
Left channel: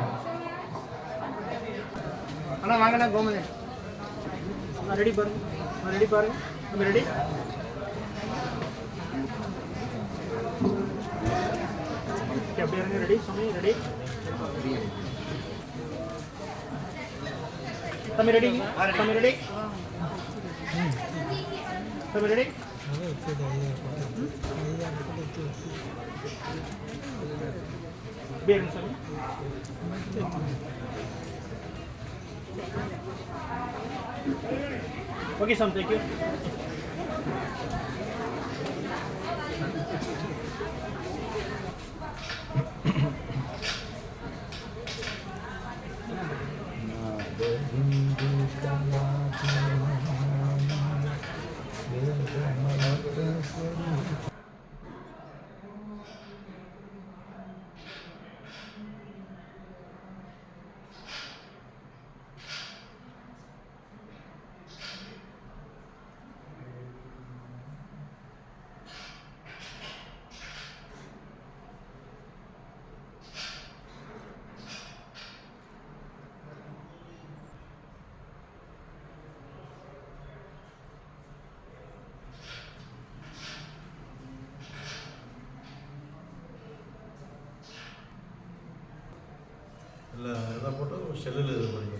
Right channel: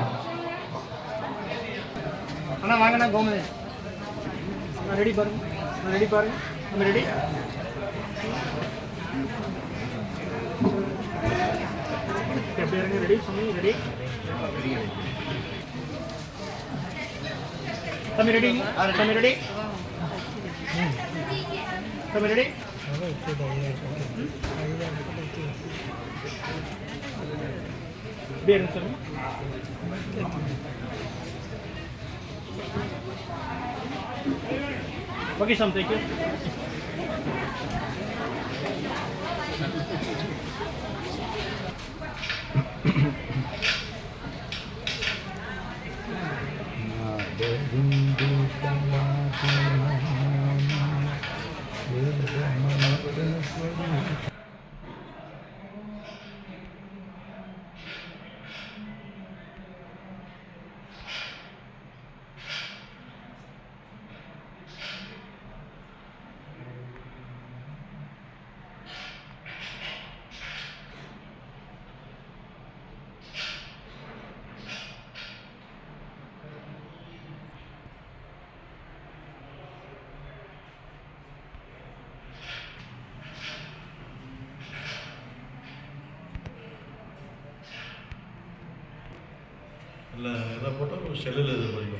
Okay, Sam, thank you. இல்லை எதை போட்டால் செல்லில் இது பண்ணி